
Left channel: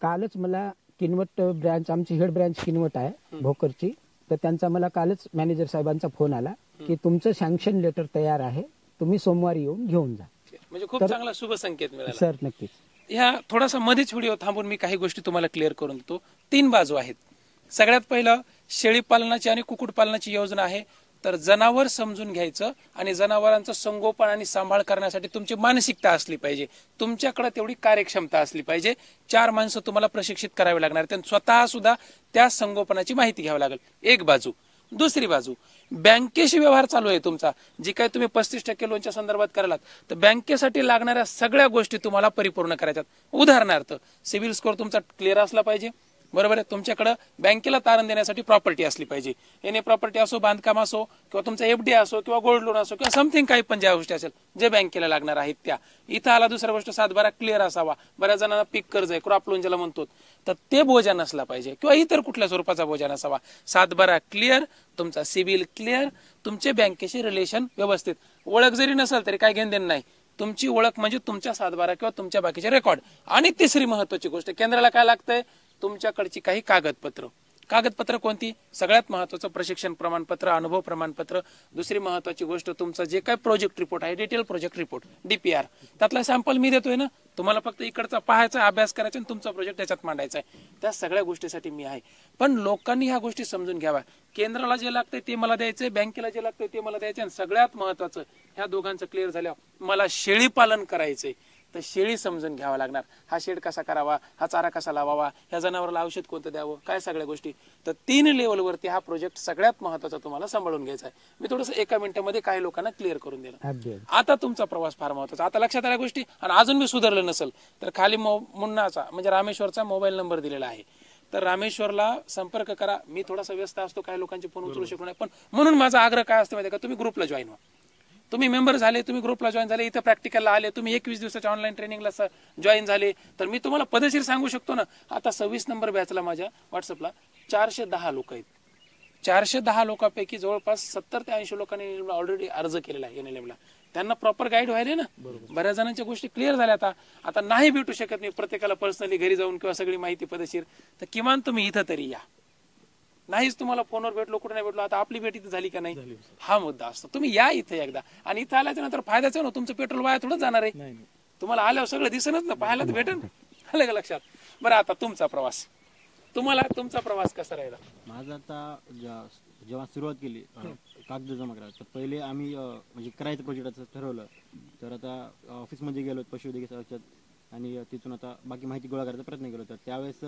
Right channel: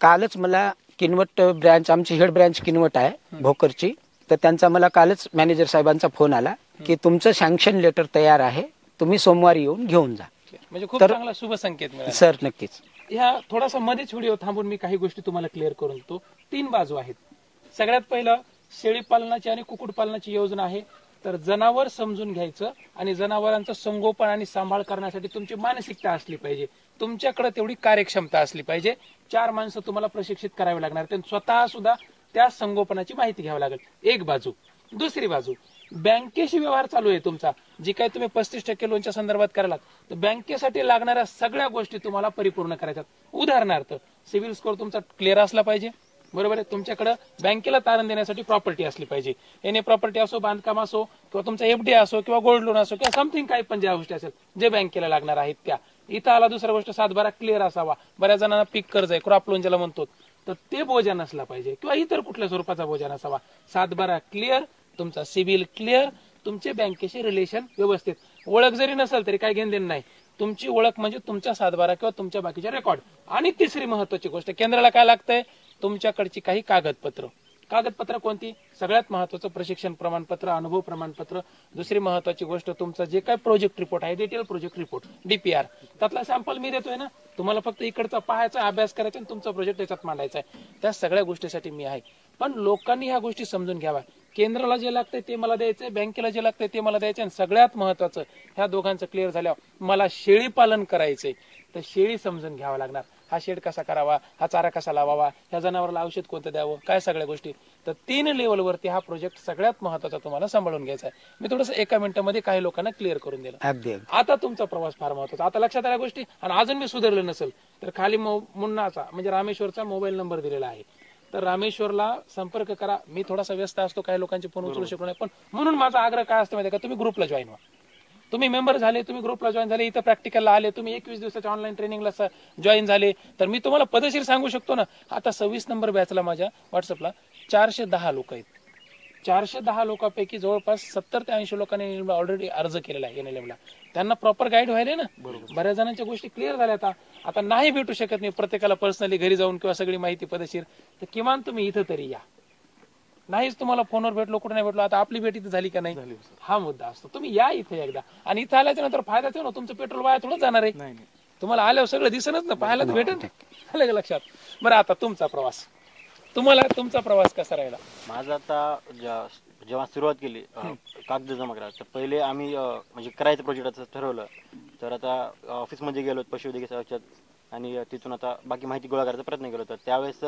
कालच मला किनवट ब्रँच, आमची हेड ब्रँच किनवट आहे भोकरची, तर त्यांचा मला कालच मॅनेजर साहेबांचा फोन आला की तुमचं सँक्शन लेटर तयार आहे, तुम्ही सोमवारी येऊन घेऊन जा. म्हणजे खूप चांगला शुभ संकेत मिळाला सर. नक्कीच. या थोडासा मध्येच व्हिडिओ थांबून मी काही गोष्टी तुम्हाला क्लिअर करून देतो. 3 बाजू आहेत. सगळ्यात पहिलं शेळी पालनाची आणि कुक्कुट पालनाची योजना आहे. तर जनावर समजून घ्यायचं आणि जनावरांचं संगोपन आणि सांभाळ करण्यासाठी तुमची मानसिकता असली पाहिजे, तुमच्याकडे तेवढी कार्यक्षमता असली पाहिजे. 4 माणसं तुम्हाला प्रशिक्षित करावे लागणार, त्यांनी स्वतः सुद्धा त्या संगोपनाची माहिती घ्यावी लागेल. एक बाजू. दुसरी बाजू, बँकेशी व्यवहार चालू आहे तुमचा, जी काय तुम्ही 35% लोनच्या संदर्भात करालात तर बँकेसाठी लागणाऱ्या सगळ्या गोष्टी तुम्हाला परिपूर्ण करायच्यात. उदाहरणार्थ सिव्हिल स्कोअर तुमचा क्लिअर असला पाहिजे, बरोबर आहे. तुमच्याकडे बँकेला तारण देण्यासाठी प्रॉपर्टी असली पाहिजे. एने प्रॉपर्टी असो, बांधकाम असो, किंवा तुमचा एफडी असो, किंवा गोल्ड लोन असो, किंवा समथिंग काही पण ज्या गोष्टी असेल जे बँकेला लागणार आहेत त्या. इथं आला दुसरा गोष्ट, सातबारा क्लिअर असावा. बऱ्याच जणांना पीक कर्ज आहे, क्रॉप लोन ज्याला म्हणतो, तर ते बोजा नसला पाहिजे, किंवा इतर कुठल्या स्वरूपाचा बोजा नसावा. सातबारा क्लिअर, तुमचा सिबिल क्लिअर, तुमचे बँकेशी रिलेशन व्यवस्थित. ओळख जरी नसेल तरी काय घेणं नाही. तुमची ओळख म्हणजे तुमच्या सातबारा किंवा तुमच्या बाकीचे रेकॉर्ड. आणि तिसरी महत्वाची गोष्ट, केंद्राला काय लागतंय, तुमच्याकडची काही कागदपत्र. कागदपत्र कोणती? सगळ्यात महत्वाचं प्रशिक्षण प्रमाणपत्र, अनुभव प्रमाणपत्र. दुसरी महत्वाची गोष्ट, तुमचं जे काय प्रोजेक्ट रिपोर्ट आहे, डिटेल प्रोजेक्ट रिपोर्ट, डीपीआर, त्यातला सॅम्पल मी देतोय ना. तुम्हाला फक्त इकडचा पाहायचा, अभ्यास करायचा आणि तुमचा प्रोजेक्ट त्याच्यात मांडायचा आहे. त्या सगळ्या गोष्टीसाठी मी आहे. पण लोकांनी ह्या गोष्टी समजून घ्याव्या. केंद्राला जे लागतंय ते मला द्यायचंय, बँकेला जे लागतंय ते मला द्यायचं. आणि सगळ्यात महत्वाचं, ह्या दोघांचं क्लिअर झाल्यावर मला शेळी पालन करायचंय, तर शेळी समजून घ्यावा लागणार. हा शेड कसा करावा, हा चारा कसा लावावा, ह्या जनावराला औषध कोणतं द्यावं, काय सगळ्या गोष्टी. तर 3 लेवलवरती हा प्रोजेक्ट सगळ्यात महत्वाचा तुम्हाला सांभाळून घ्यायचा आहे. मी थोडंसं 1 मिनिटामध्ये काही लोकांना क्लिअर करून दिलं. आता तुमचा प्रवास फार महत्वाचा. आता लक्षात आल्या गोष्टी. आणि अजून मी सुधारलं नसेल तर खाली मुन्नाचा म्हणजे रामेश्वरचा मोबाईल नंबर दिलेला आहे. तर रामेश्वरला संपर्क करा. मी थोडासा व्यस्त असतो, काही लोकांचे फोन उचलू शकतो नाही, पण म्हणून माझा आग्रह काय असतो माहिती का, तुम्ही ग्रुपला जॉईन व्हा. तुम्ही मेंबर झाले, तुम्ही ग्रुपला जॉईन झाले, इथं प्रॅक्टिकलला आले, तुम्ही 21 दिवसाच्या ऑनलाईन ट्रेनिंगला जॉईन झाले, तर मी तुम्हाला पदेशीर सांगू शकतो ना. आता 26 नंबर बॅचला माझ्या व्हॉट्सअपला 410 लोक आहेत. 410 लोकांपैकी जवळपास 70 ते 80 लोकांनी ऑलरेडी अर्ज केलेला आहे एनएलएमला. त्यांना प्रॉपर गाईड व्हायला ना. बऱ्याच जणांच्या गोष्टी क्लिअर झाल्या. आता नाही भेटू शकत मी प्रत्येकाला पर्सनली घरी जाऊन किंवा सगळी माहिती पदेशीर, तर किमान तुम्ही इथं तरी या. नाहीच तुम्हाला फोनवर भेटलो, कुठे नाही भेटलो, आता आपली भेट इथं झाली का नाही, हा मुद्दा असतो. तुम्ही या इथे एकदा. आणि इथं आल्याच्या नंतर फायद्याच ना, तुमचं पेट्रोल वाया थोडंच जाणार आहे. तुम्हाला आल्यावर सगळं दिसणच ना, पाहायला तर भेटेल. आलं का लक्षात? बरं, आता तुमचा प्रवास, तुम्हाला तुमचा प्रवास कसा राहिला? माझा आता जेव्हा सुरुवात केली कागद जमा करायला, तर पहिले आम्ही म्हणजे करायचं प्रोजेक्टाचं ठरवलं. तर आता ऑफिसमध्ये गेलो पशुवैद्यकीय सेवेच्यात, आणि तिथून आता बाकी माहिती गोळा करायचा प्रयत्न केला होता. त्यावेळेस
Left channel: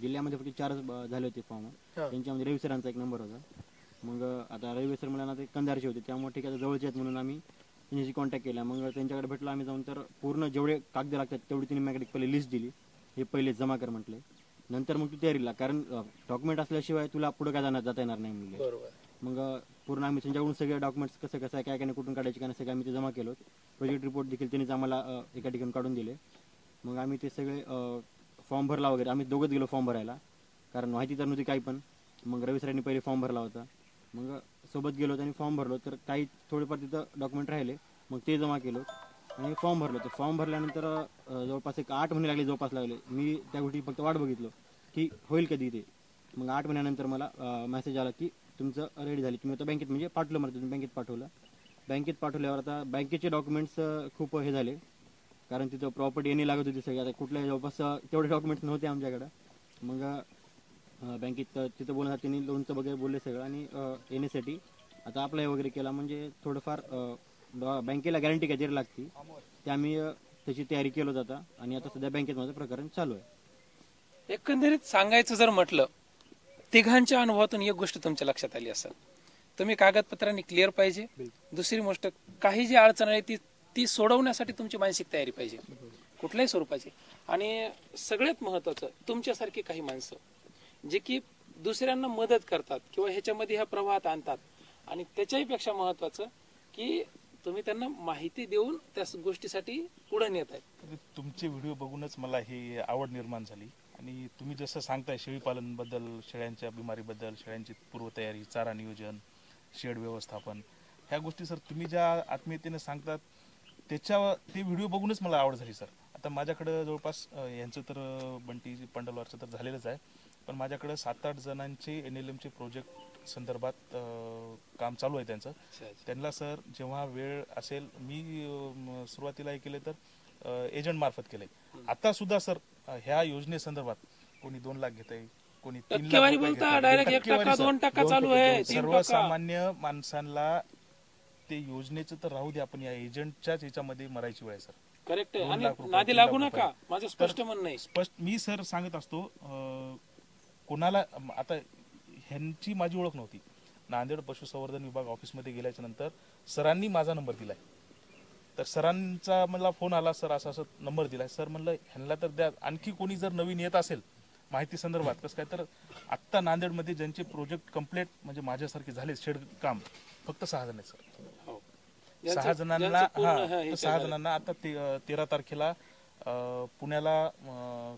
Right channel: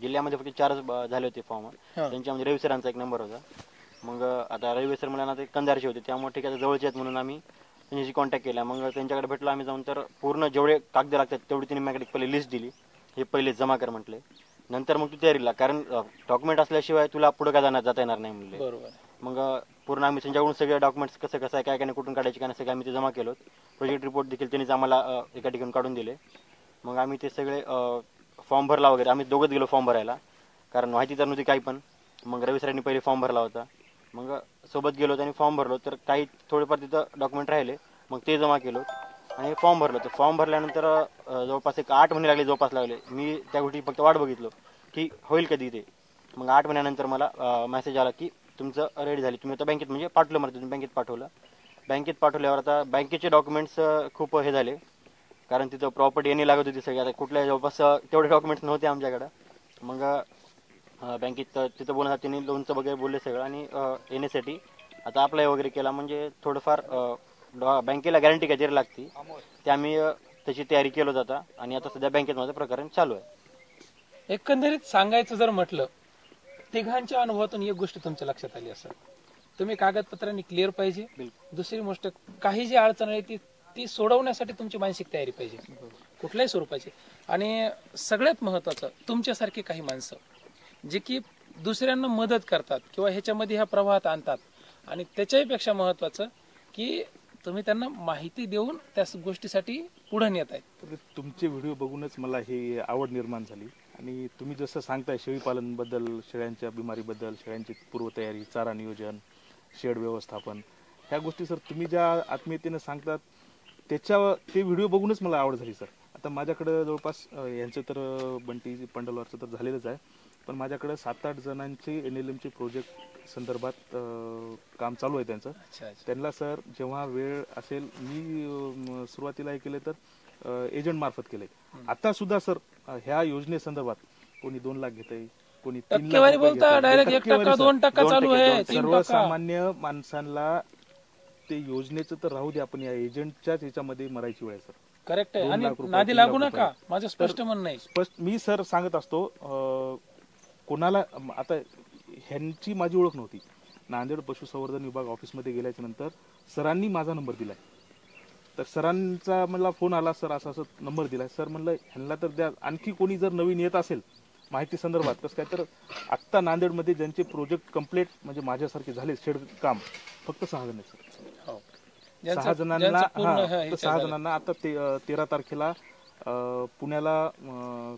जिल्ह्यामध्ये फक्त 4 झाले होते फॉर्म. त्यांच्यामध्ये रवी सरांचा एक नंबर होता. मग आता रवी सर मला ते कंधारचे होते, त्यामुळे ठीक आहे जवळचे आहेत म्हणून आम्ही त्यांच्याशी कॉन्टॅक्ट केला. मग त्यांच्याकडे भेटलो आम्ही जाऊन. तर पूर्ण जेवढे कागद लागतात तेवढी त्यांनी माझ्याकडे पहिले लिस्ट दिली. हे पहिले जमा कर म्हटले. नंतर मग तू तयारीला, कारण डॉक्युमेंट असल्याशिवाय तुला पुढे काय जाता येणार नाही म्हणले. मग पूर्ण आम्ही त्यांच्याकडून सगळे डॉक्युमेंट्स कसं कसं आहे, काय काय कुठून काढायचे काय सगळे आम्ही ते जमा केलो. प्रोजेक्ट रिपोर्ट देखील त्यांनीच आम्हाला एका ठिकाणी काढून दिले. मग आम्ही ते सगळे फॉर्म भरला वगैरे. आम्ही दोघंच गेलो फॉर्म भरायला, कारण माहिती तर नव्हती काही पण. मग रवी सरांनी पहिले फॉर्म भरला होता. मग सोबत गेलो आणि फॉर्म भरलो. तर काही थोडेफार तिथं डॉक्युमेंट राहिले, मग ते जमा केलो आणि फॉर्म भरलो. तर फॉर्म भरल्यानंतर जवळपास 8 महिने लागले, जवळपास लागले. मी त्या गोष्टी फक्त वाट बघितलो की होईल कधी ते. मग 8 महिन्यानंतर मला मेसेज आला की तुमचं रेडी झाली, तुम्ही आता बँकेत, म्हणजे पाठवलं मला, तुम्ही बँकेत पाठवलं. बँकेत पाठवल्यावर आता बँकेचे डॉक्युमेंट्स खूप हे झाले, कारण तिथं प्रॉपर्टी येणे लागत होती सगळी. आता कुठल्या जवळपास तेवढे डॉक्युमेंट्स नव्हते आमच्याकडं. मग बँकेत तिथं बोलण्यात त्यांनी लोनचं वगैरे बोलले सगळं, आणि येण्यासाठी आता अप्लाय वगैरे केला. म्हणजे थोडंफार बँकेला गॅरंटी काय द्यायला लागते, ते आम्ही त्याची तयारी केलो जाता. आणि आता सध्या बँकेत माझं प्रकरण चालू आहे. एकंदरीत सांगायचं जर म्हटलं, तिघांच्या अनुभवातून एक गोष्ट तुमच्या लक्षात आली असेल, तुम्ही कागदपत्रांनी क्लिअर पाहिजे. दुसरी गोष्ट, काही जी अडचण आहे ती सोडवण्यासाठी तुमची मानसिक तयारी पाहिजे कुठल्याही स्वरूपाची. आणि सगळ्यात महत्वाचं, तुमच्यासारखे काही माणसं जे की दुसऱ्यांना मदत करतात किंवा ह्याच्यामध्ये ह्या प्रवाहात आणतात. आणि त्याच्याही पेक्षा महत्वाचं की तुम्ही त्यांना माहिती देऊन त्या गोष्टीसाठी पुढे नेत आहे. तुमचे व्हिडिओ बघूनच मला हे आवड निर्माण झाली. आणि तुम्ही जसं सांगताय शेळीपालन बद्दल, शेळ्यांच्या बिमारीबद्दल, शेळ्यांची पूर्वतयारी, चारा नियोजन, शेड व्यवस्थापन, ह्या गोष्टी सर तुम्ही ज्या आत्मीयतेने सांगतात ते व्हिडिओ बघूनच मला आवड झाली सर. आता माझ्याकडं जवळपास यांचं तर बंटी पंडलवारचं तर झालेलंच आहे, पण माझ्याकडे 7-8 जणांचे एनएलएमचे प्रोजेक्ट संदर्भात काम चालू आहे त्यांचं. त्यांना सर जेव्हा वेळ असेल, मी सुरुवातीला केले तर एजंट मार्फत केले. आता सुद्धा सर ह्या योजनेसंदर्भात कोणी 2 लाख घेतंय, कोणी 3 लाख. सर्वसामान्य माणसांना ते योजनेचं तर राहू दे, आपण या एजंटच्याच याच्यामध्ये मरायची वेळ सर. करेक्ट आहे. आणि नादी लागू नका, माझं स्पष्ट म्हणणं आहे. स्पष्ट मी सर सांगत असतो, कोणाला आता ह्यांची माझी ओळख नव्हती. नांदेड पशुसंवर्धन विभाग ऑफिसमध्ये गेल्याच्या नंतर सरांनी माझा नंबर दिलाय. तर सरांचा मला फोन आला, सर असा असं नंबर दिलाय. सर म्हणलं ह्यांना तर द्या, आणखी कोणी जर नवीन येत असेल माहिती संदर्भात कसं काय तर आत्ता नांदेडमध्ये ज्यांचे प्रोजेक्ट कम्प्लीट म्हणजे माझ्यासारखे झाले शेड काम फक्त 6 जण आहेत सर. 6 जणांना 6 जणांना आता 13 तारखेला पुण्याला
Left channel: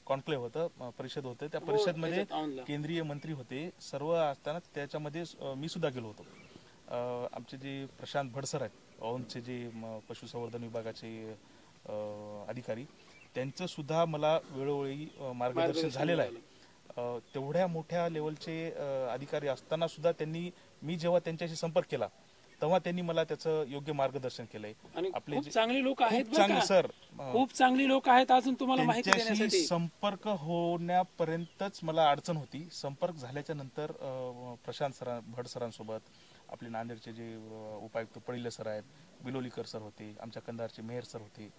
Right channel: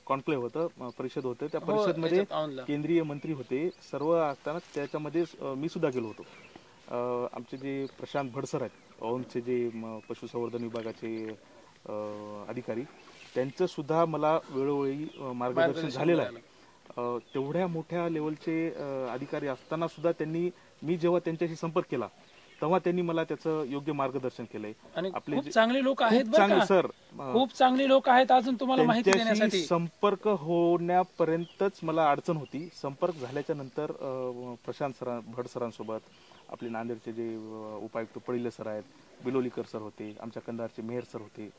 कॉन्क्लेव्ह होतं, परिषद होतं. त्या परिषदमध्ये केंद्रीय मंत्री होते सर्व असताना त्याच्यामध्ये मी सुद्धा गेलो होतो. आमचे जे प्रशांत भडसर आहेत औंधचे जे पशुसंवर्धन विभागाचे अधिकारी, त्यांचं सुद्धा मला वेळोवेळी मार्गदर्शन झालेलं आहे. तेवढ्या मोठ्या लेवलचे अधिकारी असताना सुद्धा त्यांनी, मी जेव्हा त्यांच्याशी संपर्क केला तेव्हा त्यांनी मला त्याचं योग्य मार्गदर्शन केलंय. आणि खूप चांगले लोक आहेत, चांगले सर, खूप चांगले लोक आहेत अजून तुम्हाला माहिती देण्यासाठी. संपर्क होण्यापर्यंतच मला अडचण होती. संपर्क झाल्याच्या नंतर प्रशांत भट सरांसोबत आपले नांदेडचे जे उपायुक्त पडिले सर आहेत, बिलोलीकर सर होते, आमच्या कंधारचे मेयर सर होते,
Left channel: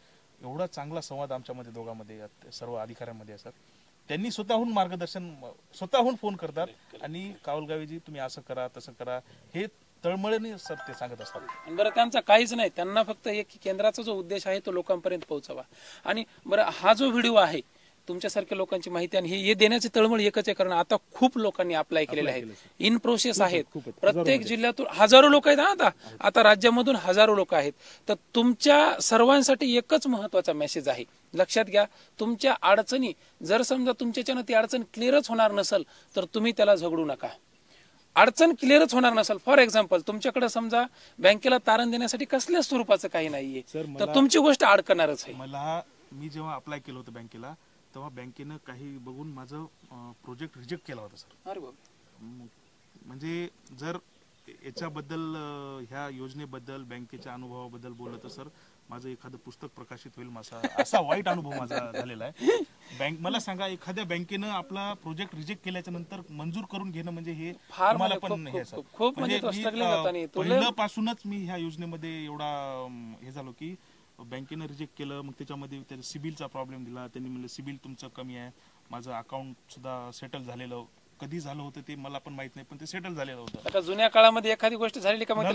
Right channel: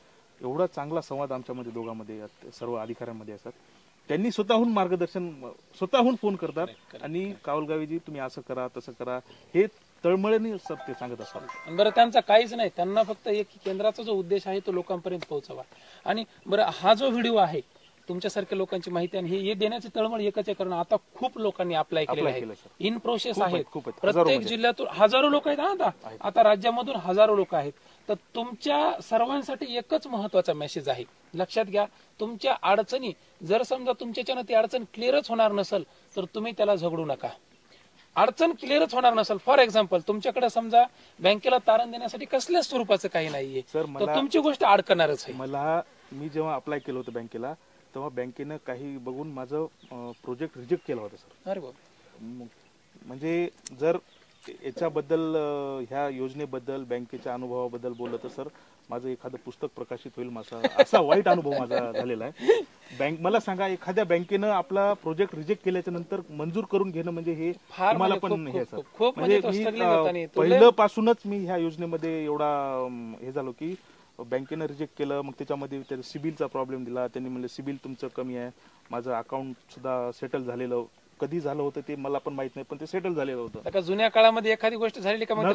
एवढा चांगला संवाद आमच्यामध्ये दोघांमध्ये सर्व अधिकाऱ्यांमध्ये असतात. त्यांनी स्वतःहून मार्गदर्शन, स्वतःहून फोन करतात आणि कावलगावीजी तुम्ही असं करा तसं करा, हे तळमळीने सर ते सांगत असतात. बरं, त्यांचा काहीच नाही, त्यांना फक्त एक केंद्राचा जो उद्देश आहे तो लोकांपर्यंत पोहोचावा. आणि बरं, हा जो व्हिडिओ आहे तुमच्यासारख्या लोकांची माहिती आणि हे देण्याची तळमळ एकच आहे, कारण आता खूप लोकांनी अप्लाय केलेलं आहे, इन प्रोसेस आहेत. प्रत्येक जिल्ह्यातून हजारो लोक आहेत. आता राज्यामधून हजारो लोक आहेत. तर तुमच्या सर्वांसाठी एकच महत्वाचा मेसेज आहे, लक्षात घ्या. तुमच्या अडचणी जर समजा तुमच्याच्यानं ती अडचण क्लिअरच होणार नसेल तर तुम्ही त्याला झगडू नका. अडचण क्लिअरच होणार नसेल, फॉर एक्झाम्पल तुमच्याकडे समजा बँकेला तारण देण्यासाठी कसल्याच स्वरूपाचं काही नाहीये, तर तुमची गोष्ट अडकणारच आहे. मी जेव्हा अप्लाय केलं होतं बँकेला तेव्हा बँकेनं काही बघून माझं प्रोजेक्ट रिजेक्ट केलं होतं सर. अरे म्हणजे जर याच्याबद्दल, ह्या योजनेबद्दल, बँकेच्या अनुभवाबद्दल बोललं तर सर माझं एखादं पुस्तक प्रकाशित होईल. माझा असा वाईट अनुभव माझा झालेला आहे. मला सांगा, एखाद्या बँकेनं आपला प्रोजेक्ट रिजेक्ट केल्याच्या नंतर मंजूर करून घेणं म्हणजे हे तुम्हाला पण हे सर, म्हणजे मी पहिलं पासूनच मी ह्या योजनेमध्ये एवढा हे झालो की बँकेनं रिजेक्ट केलं, मग त्याच्यामध्ये सिबिलचा प्रॉब्लेम दिला. त्यांनी म्हणलं सिबिल तुमचं कमी आहे. माझं अकाउंट सुद्धा सेटल झालेलं, कधी झालं होतं ते मला पण माहित नाही, पण ते सेटल झालेलं होतं. आता जुन्या काळामध्ये एखादी गोष्ट झाली का मग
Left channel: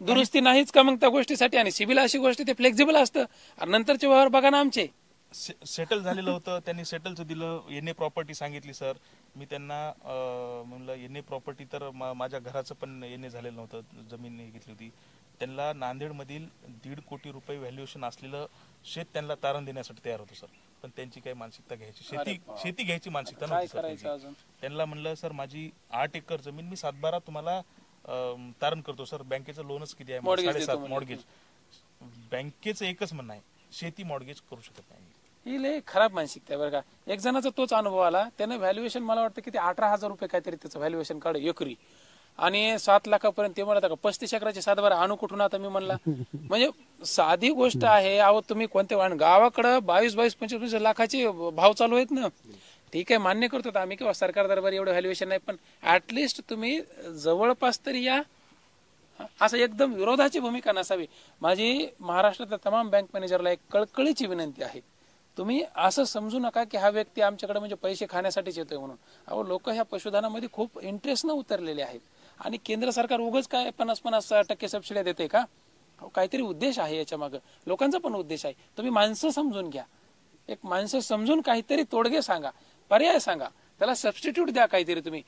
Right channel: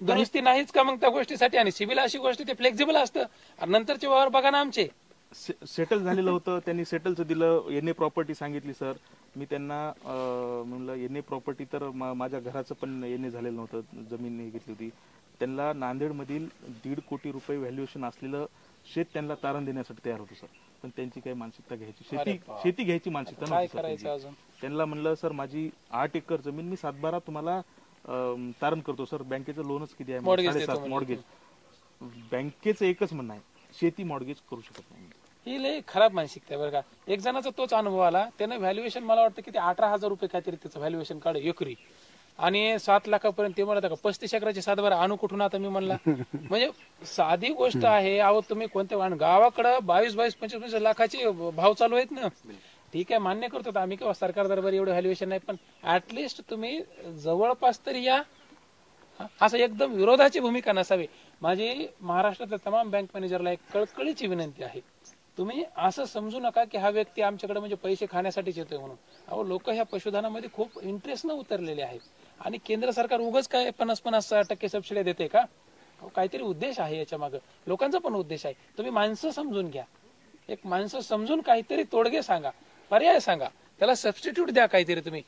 दुरुस्ती नाहीच का मग त्या गोष्टीसाठी? आणि सिबिल अशी गोष्ट ते फ्लेक्झिबल असतं. नंतरचे व्यवहार बघा ना आमचे सेटल झालेलं होतं. त्यांनी सेटलचं दिलं. एनए प्रॉपर्टी सांगितली सर. मी त्यांना म्हणलं एनए प्रॉपर्टी तर माझ्या घराचं पण एनए झालेलं नव्हतं, जमीन घेतली होती. त्यांना नांदेडमधील 1.5 कोटी रुपये व्हॅल्युएशन असलेलं शेत त्यांना तारण देण्यासाठी तयार होतं सर. पण त्यांची काही मानसिकता घ्यायची, शेती घ्यायची मानसिकता नव्हती. त्यांना म्हणलं सर माझी 8 एकर जमीन, मी 7-12 तुम्हाला तारण करतो सर. बँकेचं लोनच किती आहे? 7.5 मॉर्गेज. बँकेचं एकच म्हणणं आहे, शेती मॉर्गेज करू शकत नाही. ही लय खराब मानसिकता आहे बरं का. एक जणाचा तोच अनुभव आला. त्याने व्हॅल्युएशन मला वाटतं किती 18,000 रुपये काहीतरी त्याचं व्हॅल्युएशन काढ एकरी, आणि 7 लाखापर्यंत ते म्हणत का 35 एकराचे 7-12 आणू कुठून? आता मी म्हणला म्हणजे साधी गोष्ट आहे. अहो तुम्ही कोणत्या गावाकडं 22-25 लाखाचे भाव चालू आहेत ना. ठीक आहे, मान्य करतो आम्ही किंवा सरकार दरबारी एवढं व्हॅल्युएशन नाही, पण ऍटलिस्ट तुम्ही जवळपास तरी या. असं एकदम विरोधाची भूमिका नसावी. माझी महाराष्ट्रातल्या तमाम बँक मॅनेजरला एक कळकळीची विनंती आहे, तुम्ही असं समजू नका की हा व्यक्ती आमच्याकडे म्हणजे पैसे खाण्यासाठीच येतोय म्हणून. अहो लोक ह्या पशुधनामध्ये खूप इंटरेस्ट न उतरलेले आहेत. आणि केंद्र सरकार उगाच काय 50% सबसिडी देते का? काहीतरी उद्देश आहे याच्या मागे, लोकांचा पण उद्देश आहे. तुम्ही माणसं समजून घ्या, एक माणसं समजून काहीतरी तोडगे सांगा, पर्याय सांगा, त्याला सबस्टिट्यूट द्या काहीतरी. तुम्ही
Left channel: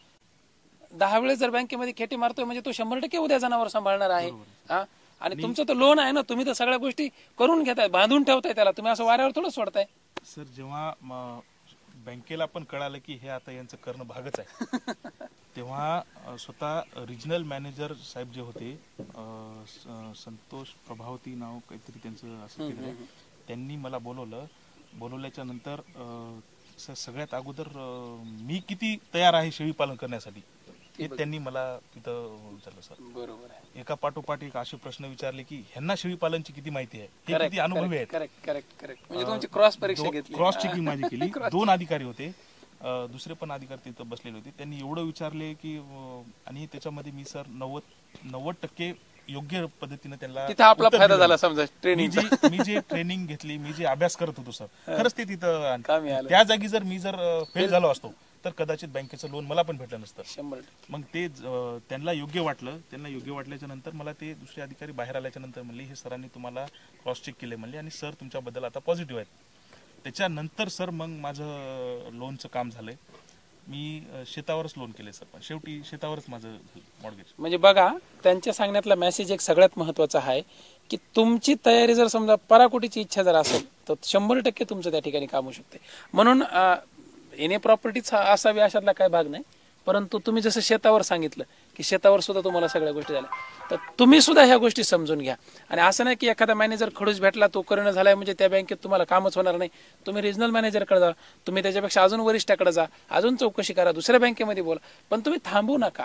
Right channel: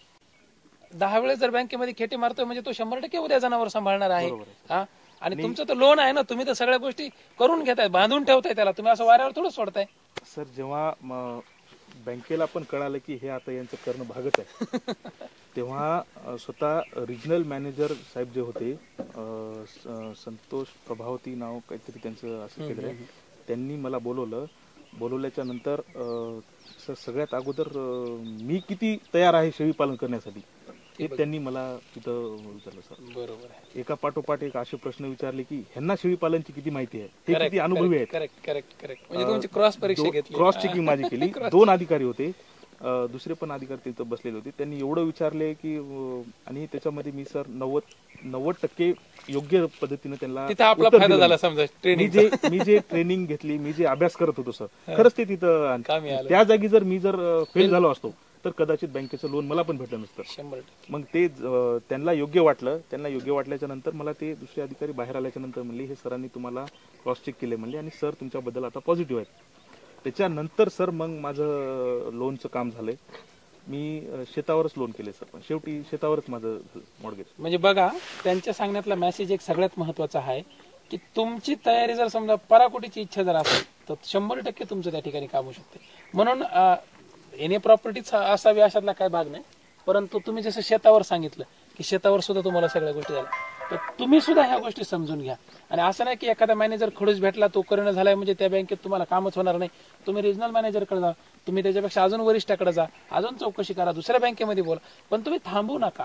10 वेळेस जर बँकेमध्ये खेटी मारतोय म्हणजे तो 100% उद्या जनावर सांभाळणार आहे. हा, आणि तुमचं तर लोन आहे ना, तुम्ही तर सगळ्या गोष्टी करून घेताय, बांधून ठेवताय त्याला, तुम्ही असं वाऱ्यावर थोडं सोडताय. सर जेव्हा बँकेला पण कळालं की हे आता यांचं करणं भागच आहे, तेव्हा स्वतः रिजनल मॅनेजर साहेब जे होते, संतोष प्रभावती नाव काहीतरी त्यांचं असं केलं, त्यांनी मला बोलवल्याच्या नंतर सगळ्यात अगोदर मी किती तयार आहे शेळी पालन करण्यासाठी हे त्यांनी मला तिथं विचारलं सर. बरोबर आहे. एका पाठोपाठ एक असे प्रश्न विचारले की ह्यांना शेळी पालनची किती माहिती आहे, हे किती अनुभवी आहेत. म्हणजे तुमची क्रॉस परीक्षा घेतली, क्रॉस चेकिंग माझी केली. 2 अधिकारी होते, दुसरे पण अधिकारी तिथं बसलेले होते. त्यांनी एवढं विचारले की, आणि त्याच्यामध्ये मी सर 90% योग्य पद्धतीने त्यांना मी जे ट्रेनिंग घेतली, मी जे अभ्यास करत होतो सर, खरंच ते तिथं. त्या जागी जर मी फेल झालो असतो तर कदाचित बँकेचं लोन मला पण भेटलं नसतं. मग ते त्यांना योग्य वाटलं. त्यांना योग्य वाटल्याच्या नंतर मला ते दुसरे अधिकारी बाहेर आल्याच्या नंतर म्हणले हे सरांनी तुम्हाला क्रॉस चेक केले म्हणले, आणि सर तुमच्याबद्दल आता पॉझिटिव्ह आहेत. त्याच्यानंतर सर मग माझं लोनचं काम झालंय. मी शेतावरच लोन केले सर, पण शेवटी शेतावरच माझं मॉर्गेज. म्हणजे बघा, त्यांच्या सांगण्यातला मेसेज एक सगळ्यात महत्वाचा आहे की तुमची तयारी जर समजा पराकोटीची इच्छा जर असेल तर 100% तुमचं त्या ठिकाणी काम होऊ शकते. म्हणून येणे प्रॉपर्टीच असावी अशातला काय भाग नाही, परंतु तुम्ही जसं शेतावर सांगितलं की शेतावर सुद्धा तुम्हाला सगळ्या गोष्टी झाल्या, तर तुम्ही सुद्धा ह्या गोष्टी समजून घ्या. आणि असं नाही की एखादा मॅनेजर खडूस भेटला तो करणं झालाय म्हणजे त्या बँकेत तुम्हाला कामच होणार नाही. तुम्ही रिजनल मॅनेजरकडे जा, तुम्ही त्याच्यापेक्षा अजून वरिष्ठाकडे जा, अजून चौकशी करा, दुसऱ्या बँकेमध्ये बोला, पण तुम्ही थांबू नका.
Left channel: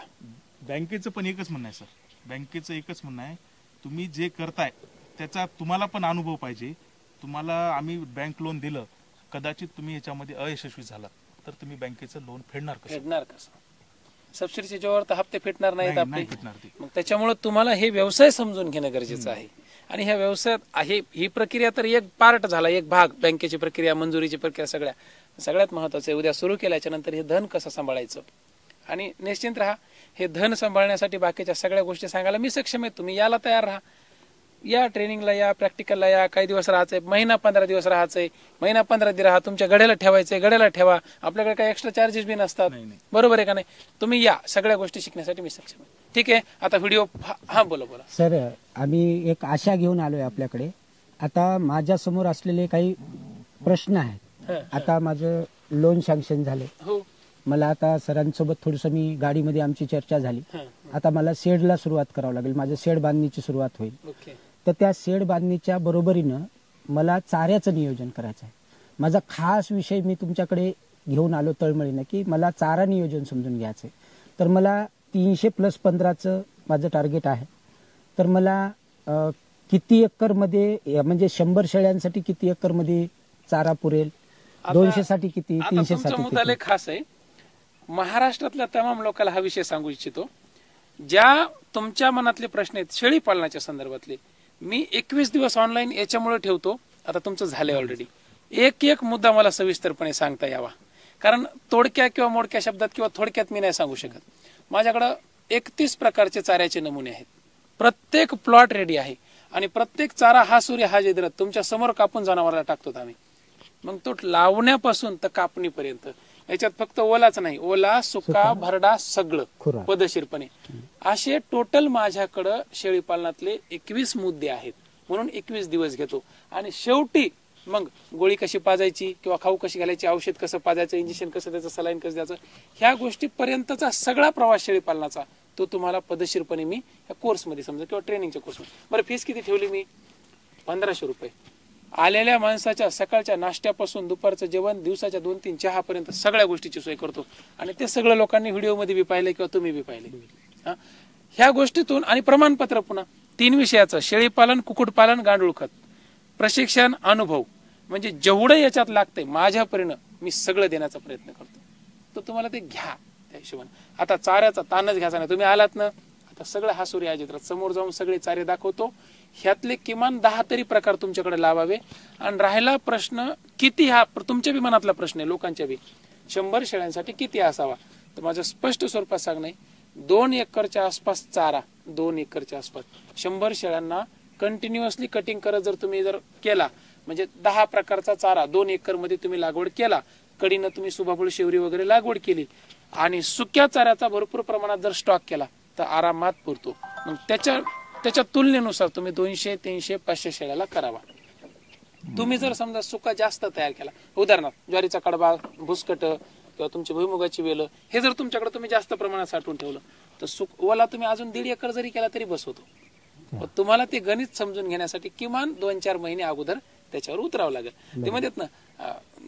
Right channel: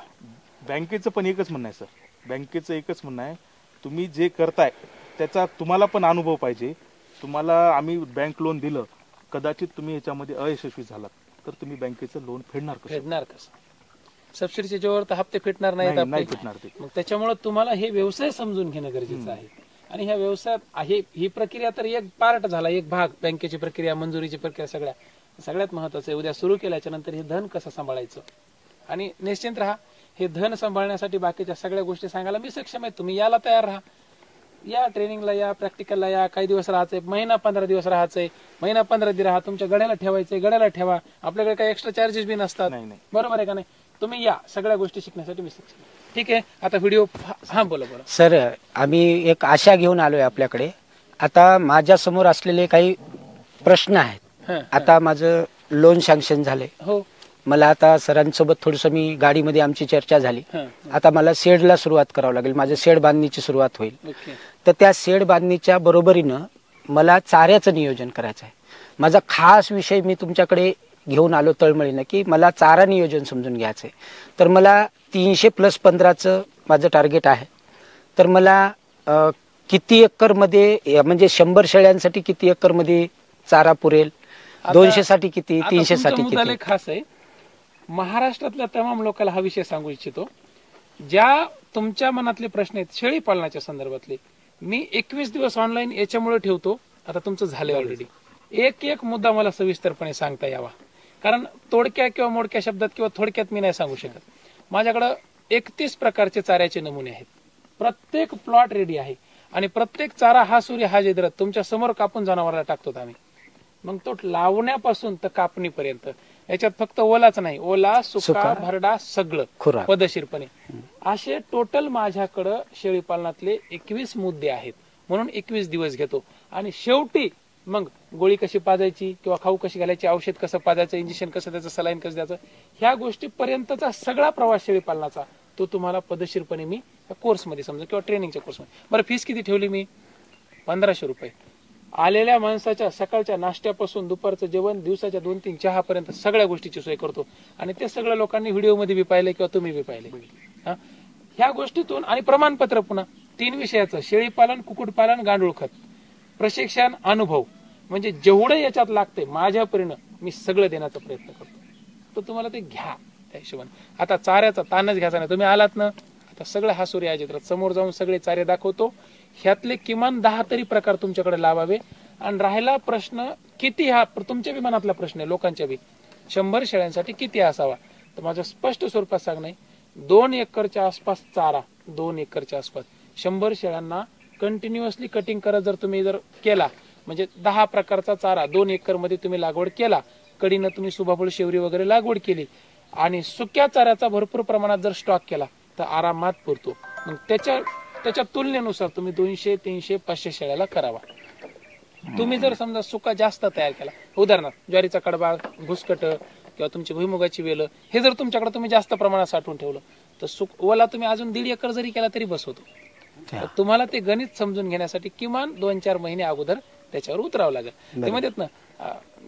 बँकेचं पण एकच म्हणणं आहे सर, बँकेचं एकच म्हणणं आहे, तुम्ही जे करताय त्याचा तुम्हाला पण अनुभव पाहिजे. तुम्हाला आम्ही बँक लोन दिलं, कदाचित तुम्ही याच्यामध्ये अयशस्वी झालात तर तुम्ही बँकेचं लोन फेडणार कसं? सबसिडीच्या जोर तर हप्ते फिटणार नाही नाहीत. फेडणार ते. त्याच्यामुळे तुम्हाला हे व्यवसाय समजून घेणं गरजेचं आहे. आणि ह्या व्यवसायात ही प्रक्रिया तर एक पार्ट झाला, एक भाग, बँकेची प्रक्रिया, मंजुरीची प्रक्रिया, सगळ्यात महत्वाचं आहे. उद्या सुरू केल्याच्या नंतर हे धन कसं सांभाळायचं. आणि निश्चित राहा, हे धन सांभाळण्यासाठी बाकीच्या सगळ्या गोष्टी सांगायला मी सक्षम आहे. तुम्ही याला तयार राहा, या ट्रेनिंगला या, प्रॅक्टिकलला या. काही दिवस राहायचंय, महिना 15 दिवस राहायचंय, महिना 15 दिवस राहा. तुमच्या गड्याला ठेवायचंय, गड्याला ठेवा. आपल्याकडे काही एक्स्ट्रा चार्जेस बी नसतात. बरोबर आहे का नाही? तुम्ही या, सगळ्या गोष्टी शिकण्यासाठी मी सक्षम आहे. ठीक आहे, आता व्हिडिओ हा बोला. बरं सर, आम्ही एक आशा घेऊन आलोय आपल्याकडे. आता माझ्या समोर असलेले काही प्रश्न आहेत. आता माझं लोन सँक्शन झालंय. हो, मला आता सरांसोबत थोडंसं मी गाडीमध्ये आमची चर्चा झाली. आता मला शेडला सुरुवात करावं लागेल, माझं शेड बांधणीची सुरुवात होईल. तर त्या शेड बांधणीच्या बरोबरीनं मला चाऱ्याचं नियोजन करायचं आहे. माझा खास विषय मी तुमच्याकडे घेऊन आलो तळमळीनं की मला चारा नियोजन समजून घ्यायचं आहे. तर मला 300+15चं माझं टार्गेट आहे. तर मला किती एकरमध्ये, म्हणजे 100 शेळ्यांसाठी किती एकरमध्ये चारा पुरेल, 200 साठी किती, 300 साठी किती? खास आहे, महाराष्ट्रातल्या तमाम लोकांना हा विषय सांगू इच्छितो. ज्या तुमच्या मनातले प्रश्न आहेत शेळी पालनाच्या संदर्भातले, मी 21 दिवस ऑनलाईन याच्यामुळे ठेवतो. आता तुमचं झालंय ऑलरेडी. एक मुद्दा मला सविस्तरपणे सांगता यावा, कारण तोडक्या किंवा मोडक्या शब्दात किंवा थोडक्यात मी नाही सांगू शकत. माझ्याकडं 31 प्रकारचे चाऱ्याचे नमुने आहेत. प्रत्येक प्लॉट रेडी आहे आणि प्रत्येक चारा हा सूर्य हा जिद्रत तुमच्या समोर कापून जनावराला टाकतो आम्ही. मग तो लावण्यापासून तर कापणीपर्यंत याच्यात फक्त ओलाच नाही, ओला, सुका, भरडा सगळं पद्धतशीरपणे. असे टोटल माझ्याकडं शेळी पालनातले 21 मुद्दे आहेत. म्हणून 21 दिवस घेतो. आणि शेवटी मग गोळी कशी पाजायची किंवा खाऊ कशी घालायची, औषध कसं पाजायचं, इंजेक्शन कसं द्यायचं, सलाईन कसं द्यायचं, ह्या गोष्टीपर्यंतचा सगळा प्रवास शेळी पालनाचा तो तुम्हाला पद्धतशीरपणे मी या कोर्समध्ये समजा किंवा ट्रेनिंगच्या कोर्समध्ये. बरं, फीस किती ठेवली मी? 1500 रुपये. आलेल्या माणसाच्या सकाळच्या नाश्त्यापासून दुपारचं जेवण, दिवसाच्या 2-3 चहापर्यंत सगळ्या गोष्टीची सोय करतो. आणि ते सगळ्या लोकांनी व्हिडिओमध्ये बी पाहिले किंवा तुम्ही बी पाहिले. ह्या गोष्टीतून आणि प्रमाणपत्र पुन्हा 3 विषयाचं, शेळीपालन, कुक्कुटपालन, गांडूळ खत, प्रशिक्षण, अनुभव, म्हणजे जेवढं याच्यात लागतंय माझ्यापर्यंत मी सगळं देण्याचा प्रयत्न करतो. तर तुम्हाला ते घ्या त्या हिशोबाने. आता चाऱ्याचा ताणच घ्यायचा नाही. तुम्ही आलात ना, आता सगळं हा सूर्य आयोजित समोर जाऊन सगळे चारे दाखवतो. ह्यातले किमान 10 तरी प्रकार तुमच्याकडे लावावे. आणि राहिला प्रश्न किती, हा तुमच्या बी मनातला प्रश्न आहे, लोकांच्या बी, 100 शेळ्यांसाठी किती असावा, तर माझं स्पष्ट स्वरूपात सांगणे, 2 एकरच्या आसपास चारा, 2 एकरच्या आसपास 100 शेळ्यांना कंटिन्युअसली कटिंग करत जर तुम्ही केला, म्हणजे 10 प्रकारचा चारा 2 एकर मध्ये तुम्ही लागवड केला, कडीनं तुम्ही सुभाबुळ, शेवरी वगैरे लागवड केली आणि सुक्या चाऱ्याचा भरपूर प्रमाणात जर स्टॉक केला तर आरामात पुरतो. मग त्याच्या तुलनेनुसार तुम्ही 200, 300, 500 शेळ्याला करावा. तुम्ही जर समजा सुका जास्त तयार केला, उदाहरणार्थ ज्वारीचा कडबा, भुसकट किंवा तुमची भुईमुगाची वेल, हे जर तुमच्याकडे तुम्ही जास्त प्रमाणात साठवून ठेवलं तर ओला तुम्ही अजून 1.5 एकर जरी केला तरी बस होतो. तुम्हाला ते गणित समजून घेण्यासाठी किमान 2-4 महिने अगोदर त्याच्यावर उतरावं लागेल. ते म्हणतात ना,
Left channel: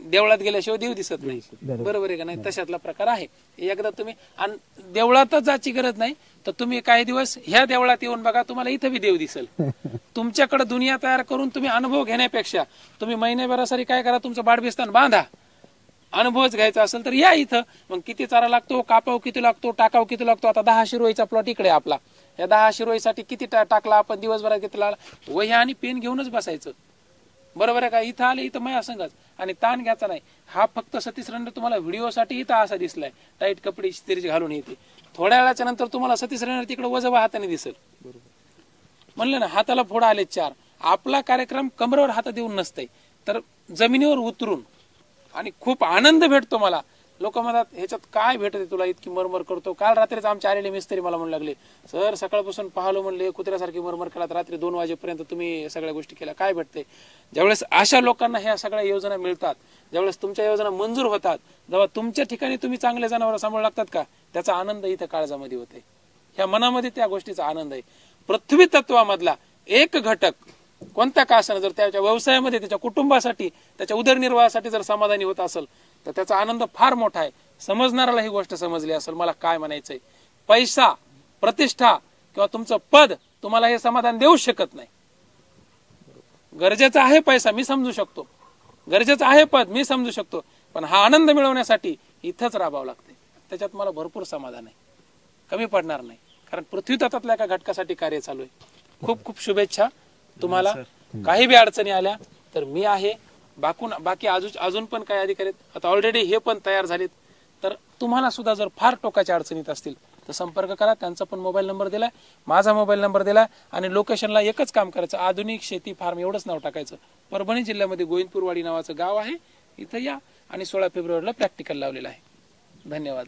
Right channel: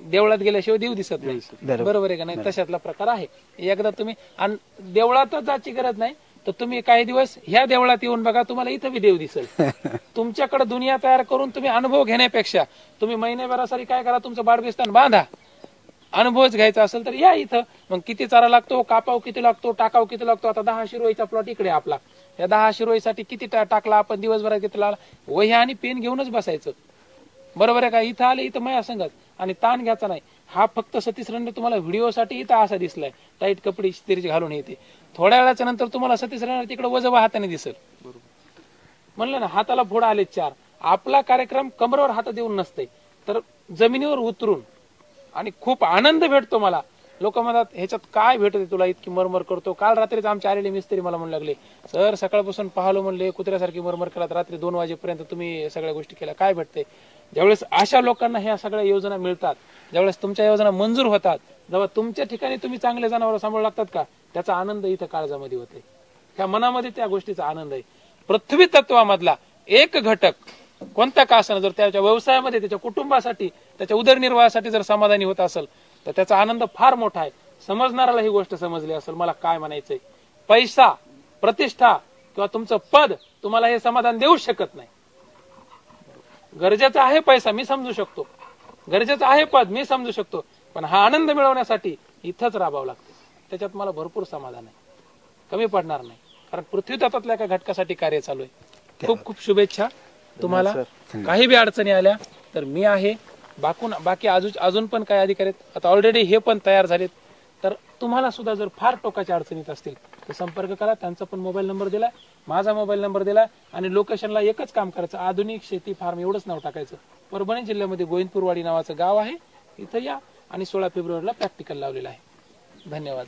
देवळात गेल्याशिवाय देव दिसत नाही, बरोबर आहे का नाही? तशातला प्रकार आहे. एकदा तुम्ही, आणि देवळातच जायची गरज नाही तर तुम्ही काही दिवस ह्या देवळात येऊन बघा, तुम्हाला इथं बी देव दिसेल. तुमच्याकडे दुनिया तयार करून तुम्ही अनुभव घेण्यापेक्षा तुम्ही महिन्याभरासाठी काय करा, तुमचं बाडबिस्तान बांधा. अनुभवच घ्यायचा असेल तर या इथं. मग किती चारा लागतो, कापाव किती लागतो, टाकाव किती लागतो. आता 10 शिरोईचा प्लॉट इकडे आपला, या 10 शिरोईसाठी किती टाकला आपण, दिवसभरात किती लागला, वह्या आणि पेन घेऊनच बसायचं, बरोबर आहे का? इथं आले, इथं माझ्या संगत, आणि ताण घ्यायचा नाही. हा फक्त सतीश रंडे तुम्हाला व्हिडिओसाठी इथं असा दिसलाय, टाईट कपडे इस्त्रीचे घालून येते. थोड्या वेळाच्या नंतर तुम्हाला सतीश रंडे तिकडे वजवा हाताने दिसेल. म्हणलं ना, हाताला फोडा आले 4. आपला कार्यक्रम कमरेवर हात देऊन नसते, तर जमिनीवर उतरून आणि खूप आनंद भेटतो मला. लोक म्हणतात ह्याच्यात काय भेटते तुला, इतकी मरमर करतो. काल रात्रीच आमचे आलेले मिस्त्री मला म्हणू लागले, सर सकाळपासून पाहलो म्हणले कुत्र्यासारखी मरमर केलात, रात्री 2 वाजेपर्यंत तुम्ही सगळ्या गोष्टी केल्या, काय भेटते. ज्यावेळेस अशा लोकांना ह्या सगळ्या योजना मिळतात, ज्यावेळेस तुमच्या योजना मंजूर होतात, जेव्हा तुमच्या ठिकाणी तुम्ही चांगले जनावर सांभाळू लागतात का, त्याचा आनंद इथं काळजामध्ये होते. ह्या मनामध्ये त्या गोष्टीचा आनंद आहे. पृथ्वी तत्वामधला एक घटक कोणता का असेल, जर त्याच्या व्यवसायामध्ये, त्याच्या कुटुंबासाठी, त्याच्या उदरनिर्वाहासाठी जर समाधानी होत असेल तर त्याचा आनंद फार मोठा आहे. समजणाऱ्याला ही गोष्ट समजली असेल. मला काय म्हणायचंय, पैसा, प्रतिष्ठा किंवा तुमचं पद तुम्हाला हे समाधान देऊ शकत नाही. गरजेचा आहे पैसा, मी समजू शकतो, गरजेचं आहे पद, मी समजू शकतो, पण हा आनंद मिळवण्यासाठी इथंच राबावं लागते. त्याच्यात मला भरपूर समाधान आहे, कमी पडणार नाही, कारण पृथ्वी तत्वातल्या एका घटकासाठी कार्य चालू आहे. खूप खूप शुभेच्छा तुम्हाला. काही बी अडचणी आल्या तर मी आहे, बाकी अजून पण काही अधिकारी आता ऑलरेडी हे पण तयार झालेत. तर तुम्हाला सुद्धा जर फार टोकाच्या अडचणीत असतील तर संपर्क करा. त्यांचा पण मोबाईल नंबर दिलाय, माझा मोबाईल नंबर दिलाय, आणि लोकेशनला एकच काम करायचं, आधुनिक शेती फार्म एवढंच नाव टाकायचं. परभणी जिल्ह्यामध्ये गोविंदपूरवाडी नावाचं गाव आहे, इथं या आणि 16 फेब्रुवारीला प्रॅक्टिकल लावलेलं आहे. धन्यवाद.